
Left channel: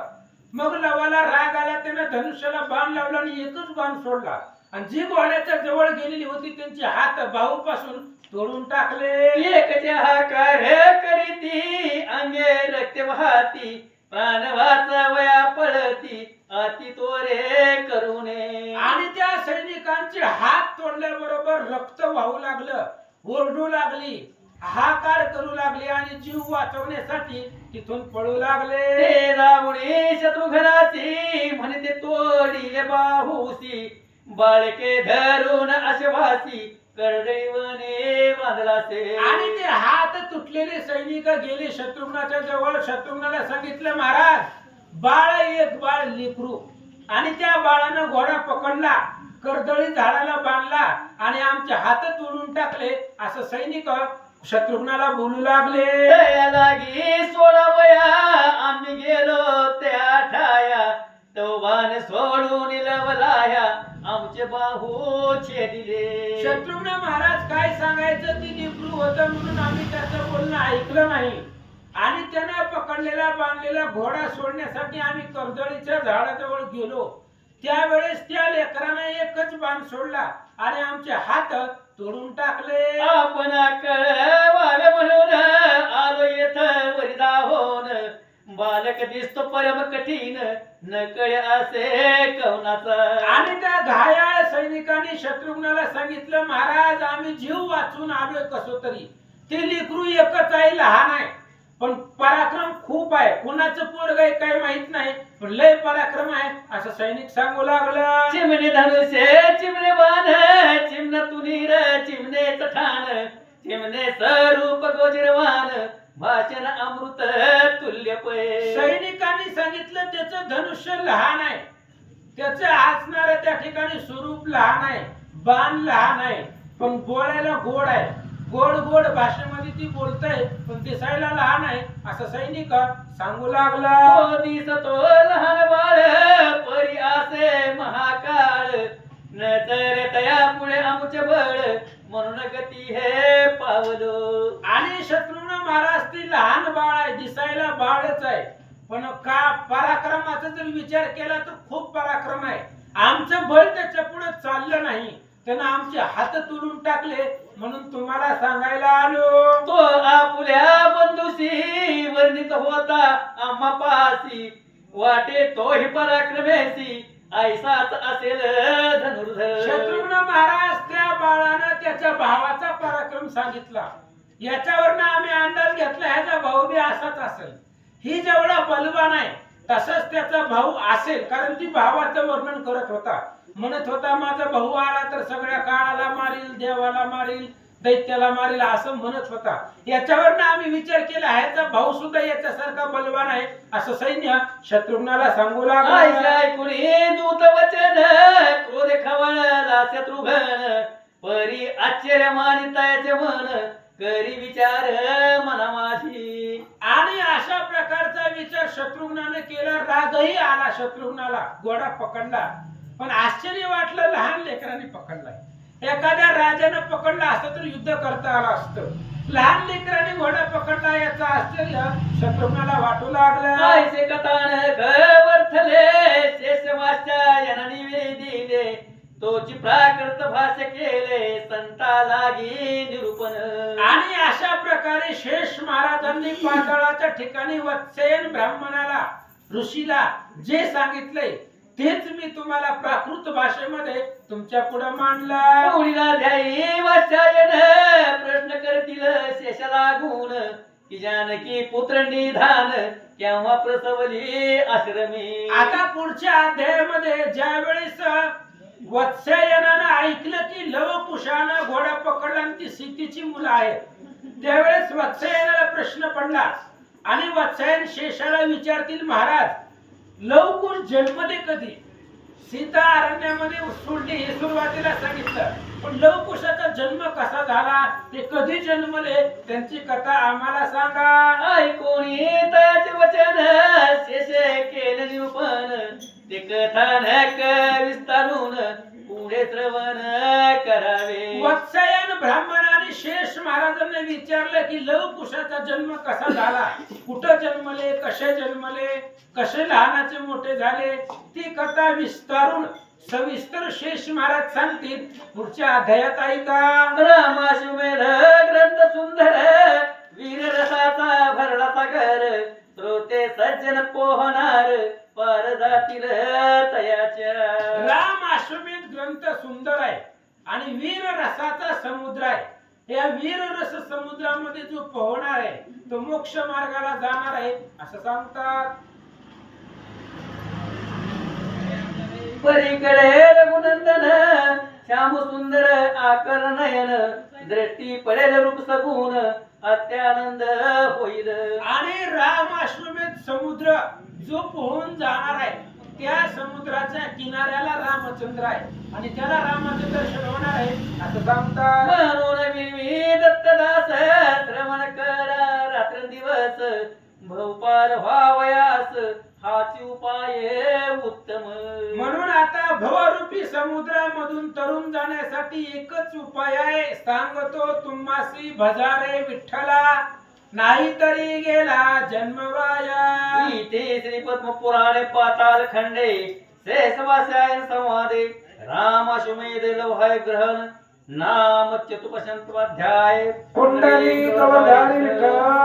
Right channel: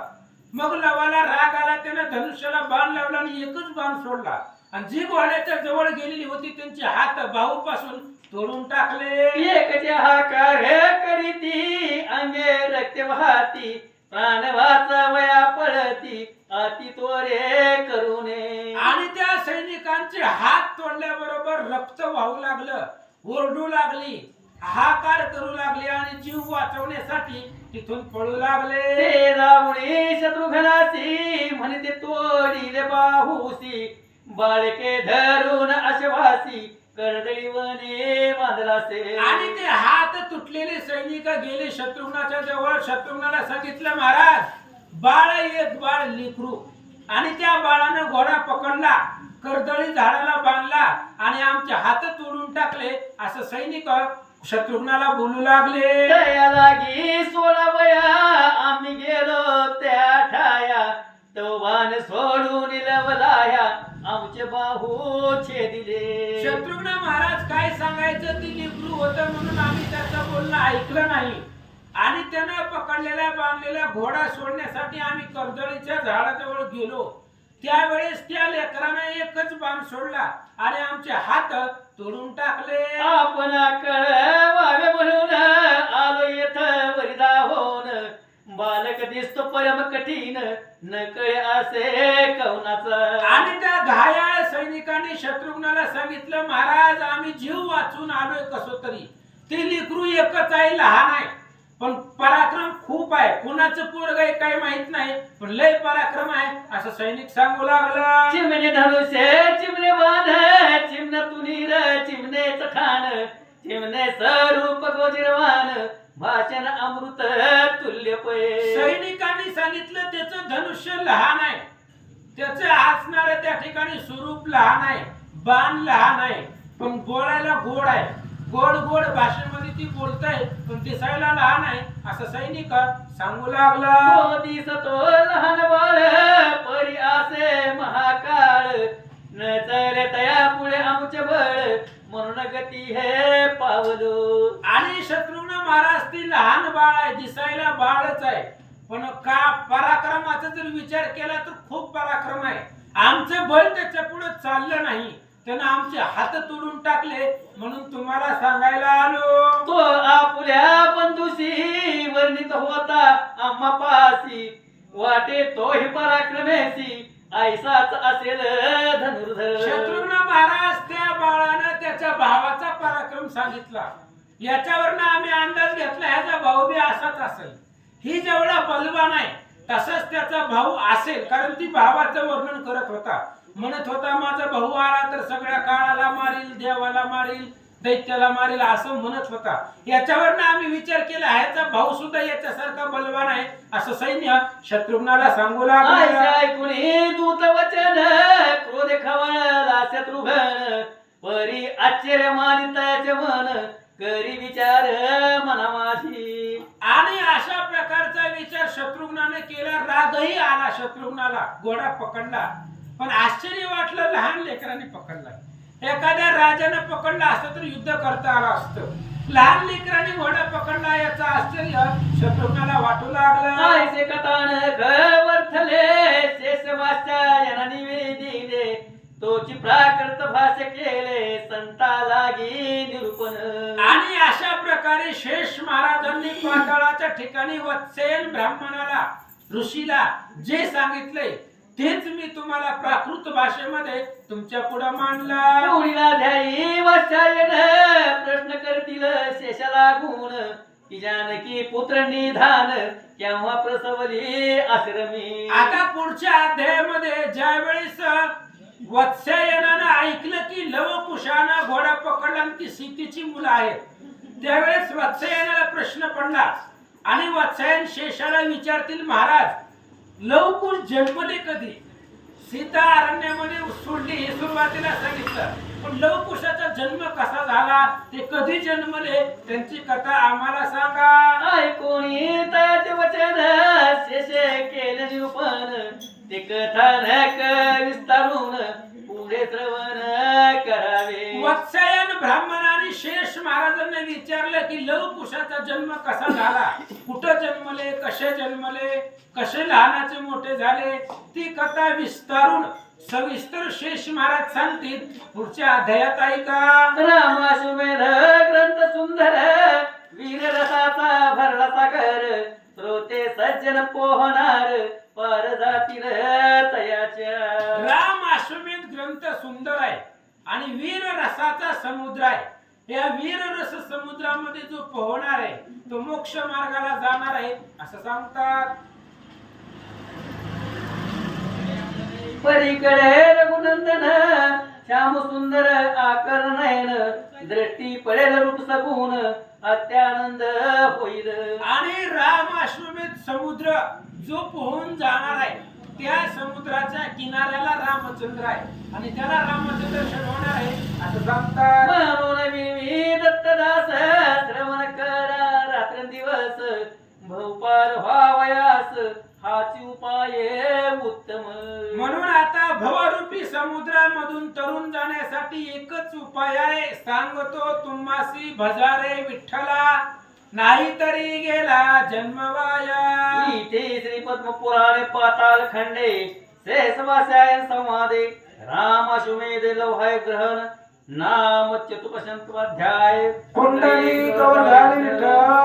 मग लवाला राग आला, त्यानं धनुष्याला बाण लावला आणि एकच बाण सोडला आणि जी घोड्याच्या जवळ गेलेली होती त्यांचे हात बाहूपासून तोडून टाकले. एकच्या हाकार करीती अंगे रक्त वाहती, प्राण वाचवया पळती अति तोरे करूने. आणि त्या सैनिकांचे हात तोडल्याबरोबर रक्त वाहू लागलं, ओरडू लागली, हाकार करू लागले आणि जीव वाचवण्यासाठी तिथून पळू लागले. ते जाऊनी शत्रुघ्नासी म्हणते तोडीले बाहूसी, बाळके धरून अश्वासी कर्दळी वने बांधला से आणि ते हात तुटलेले सैनिक गेले शत्रुघ्नाच्या जवळ. शत्रुघ्नाला सांगितलं महाराज, बाळ एक बाळ लेकरू, आणि त्या बाळानं घोडा पकडला, कर्दळी झाडाला बांधला आणि आमचे हात तोडून टाकले, असं सैनिक शत्रुघ्नाला बोलू लागले. दया लागी सोडावया आम्ही गेलो त्या ठाया, तो बाण सोडून लवलाया आमचे बाहू छेदिले. शत्रुघ्न महाराज काय सांगायचं, ती लेकरू होतं म्हणून आम्ही त्याचं बोलणं ऐकलं नाही, आणि त्यानं पकडलेला बांधलेला घोडा सोडण्यासाठी आम्ही कर्दळीच्या झाडाजवळ गेलो. त्यावेळेस त्या लेकरानं एकच बाण सोडला आणि आमचे हात तोडून टाकले. आपण कळवावे म्हणून आलो येथ वरिदा होऊन, बालक दिसतो परम कठीण न कळे असे कवनाचा. आणि त्या घायाळ सैनिकांनी शत्रुघ्नाला सांगितलं, महाराज आम्ही जीव वाचून आलोय कसो तरी, ते लेकरू एकच आहे, लहान आहे, पण पराक्रम खूप आहे, कुणाचं पोरग आहे काही माहित नाही, पण लय पराक्रम आहे, असं सैनिक सांगू लागला. चिमणे धनुष्य चिमणे बाण, चिमण तुनीर चिमणे ठाण, चिमणे स्वरूप गोजिरवान, भाषण अमृत तुल्य पै. सैनिकांनी सांगितलं त्याचं धनुष्य लहान आहे, त्याचं असणारं त्या ठिकाणी स्वरूप लहान आहे, बाण लहान आहे, पण बोलायला गोड आहे, गोड गोड भाषेमध्ये ती बोलताय, पण दिसायला लहान आहे, असं सैनिक सांगू लागला. तो दिसतो लहान बाळ परी असे महाकाळ, न चले तया पुढे आमचे बळ, म्हणून गती हे पावलो. आणि शत्रुघ्न महाराज ती लहान बाळ आहे, दिसायला बाळच आहे, पण का पराक्रमाचा जर विचार केला तर खूप पराक्रम आहे. आमचं बळ त्याच्या पुढे चाललं नाही, त्यानं आमचे हात तोडून टाकले, म्हणून तुम्हाला सांगायला आलो. तो आपल्या बंधुशी वर्णित होता आम्हा पासी, वाटे तोही पराक्रमेशी ऐसाच असेल धनुर्धर. शत्रुघ्न महाराज त्या बाळानं त्याच्या भावाचा पराक्रम सांगितला, याच्यावरनं आम्ही अंदाज घेतला ह्याचा भाऊ बी असाच असेल, ही जेवढा बलवान आहे तसंच त्याचा भाऊ असेल, कारण ती भावाचं वर्णन करत होता, म्हणत होता माझा भाऊ आला तर सगळ्या काळाला मारील, देवाला मारील, दैत्याला मारील, असं म्हणत होता. याच्यावरनं आम्ही विचार केला ह्याचा भाऊ सुद्धा याच्यासारखा बलवान आहे, असं सैन्य शत्रुघ्नाला सांगू लागला. ऐकुनी दूत वचन क्रोध खवळला शत्रुघ्न, परी आश्चर्य मानिताचे मन, करी विचार मना माझी. आणि अशा प्रकारचा विचार शत्रुघ्नाने केला, रागही आला शत्रुघ्नाला, घोडा पकडला, पण आश्चर्य वाटलं लहान लेकराने पकडलाय. एखाद्या राजाने पकडला असतं तर युद्ध करता आलं असतं, लहान लेकराने घोडा पकडला याचं आश्चर्य शत्रुघ्नाला वाटू लागलं. ऐसे कथानक वर्थले शेषवाच्या यांना निवेदिले, तोची प्राकृत भाष्य केले संता लागी निरूपण. आणि अशा प्रकारे शेष महाराजांनी पाताळाच्या ठिकाणी वत्सेन ब्राह्मणाला, ऋषीला जे सांगितले तेच मी तुम्हाला प्राकृत भाषेमध्ये तुमच्या पुढे मांडलं. पुढीला ध्यायी वाचायन प्रश्न करतील शेष लागून, की जानकी पुत्र निधान केव्हा प्रसवली आश्रमी. आता पुढच्या अध्यायामध्ये ज्या वेळेस वत्सायनानं ऐकलं की लवकुशानं घोडा पकडला आणि ती सीतेची मुलं आहेत, त्यावेळेस वत्सायनाला प्रश्न पडला आणि वत्सायन शेषाला विचारतील, महाराज लवकुश जन्मले कधी? सीता अरण्यामध्ये सोडली हे सुरुवातीला सांगितलं, पण लवकुशाचा जन्म कसा झाला, ते कधी जन्मले, त्यांची कथा आम्हाला सांगा. ऐकोनी त्याचे वचन शेष केले निरूपण, ते कथानक विस्तारून पुढे श्रवण करावे. वत्सायन ब्राह्मणाने शेष महाराजांना विचारलं की लवकुशाचा जन्म कसा झाला, कुठं जन्मले, कसे जन्मले, कसे लहानाचे मोठे झाले, ती कथा विस्तारून सविस्तर शेष महाराज सांगतील पुढच्या अध्यायात. ऐका. रामाश्वमेध ग्रंथ सुंदर, वीर रसाचा भरला सागर, श्रोते सज्जन पोहणार पार जातील तयाच्या. राम अश्वमेध ग्रंथ सुंदर आहे आणि वीर रसाचा समुद्र आहे. या वीर रस समुद्रामध्ये जो पोहणार आहे तो मोक्ष मार्गाला जाणार आहे असं सांगतात. परीकडे रघुनंदन श्याम सुंदर आकर नयन दृष्टी पडेल रूप सगुण अत्यानंद होईल. आणि राम अश्वमेध समुद्र जो पोहून जाणार आहे त्या समुद्राच्या किनाऱ्याला रामचंद्र आहे आणि त्याला रामाचं दर्शन होणार आहे असं सांगतात. म्हणून मी दत्तदास श्रवण करा रात्रंदिवस भवपार व्हावयास हाच उपाय उत्तम. म्हणून आता भवरूपी समुद्रामधून तरुण जाण्यासाठी एकच उपाय आहे. सांगतो तुम्हासी भजारे विठ्ठला नाहीतरी गेला जन्म वाया. इथे श्री पद्म पुराणे पाताल खंडे शेषवासायन संवादे राम अश्वमेध लौहाय ग्रहण नाम चतुपशंतवाध्याय कुंडली कवधारी विठ्ठल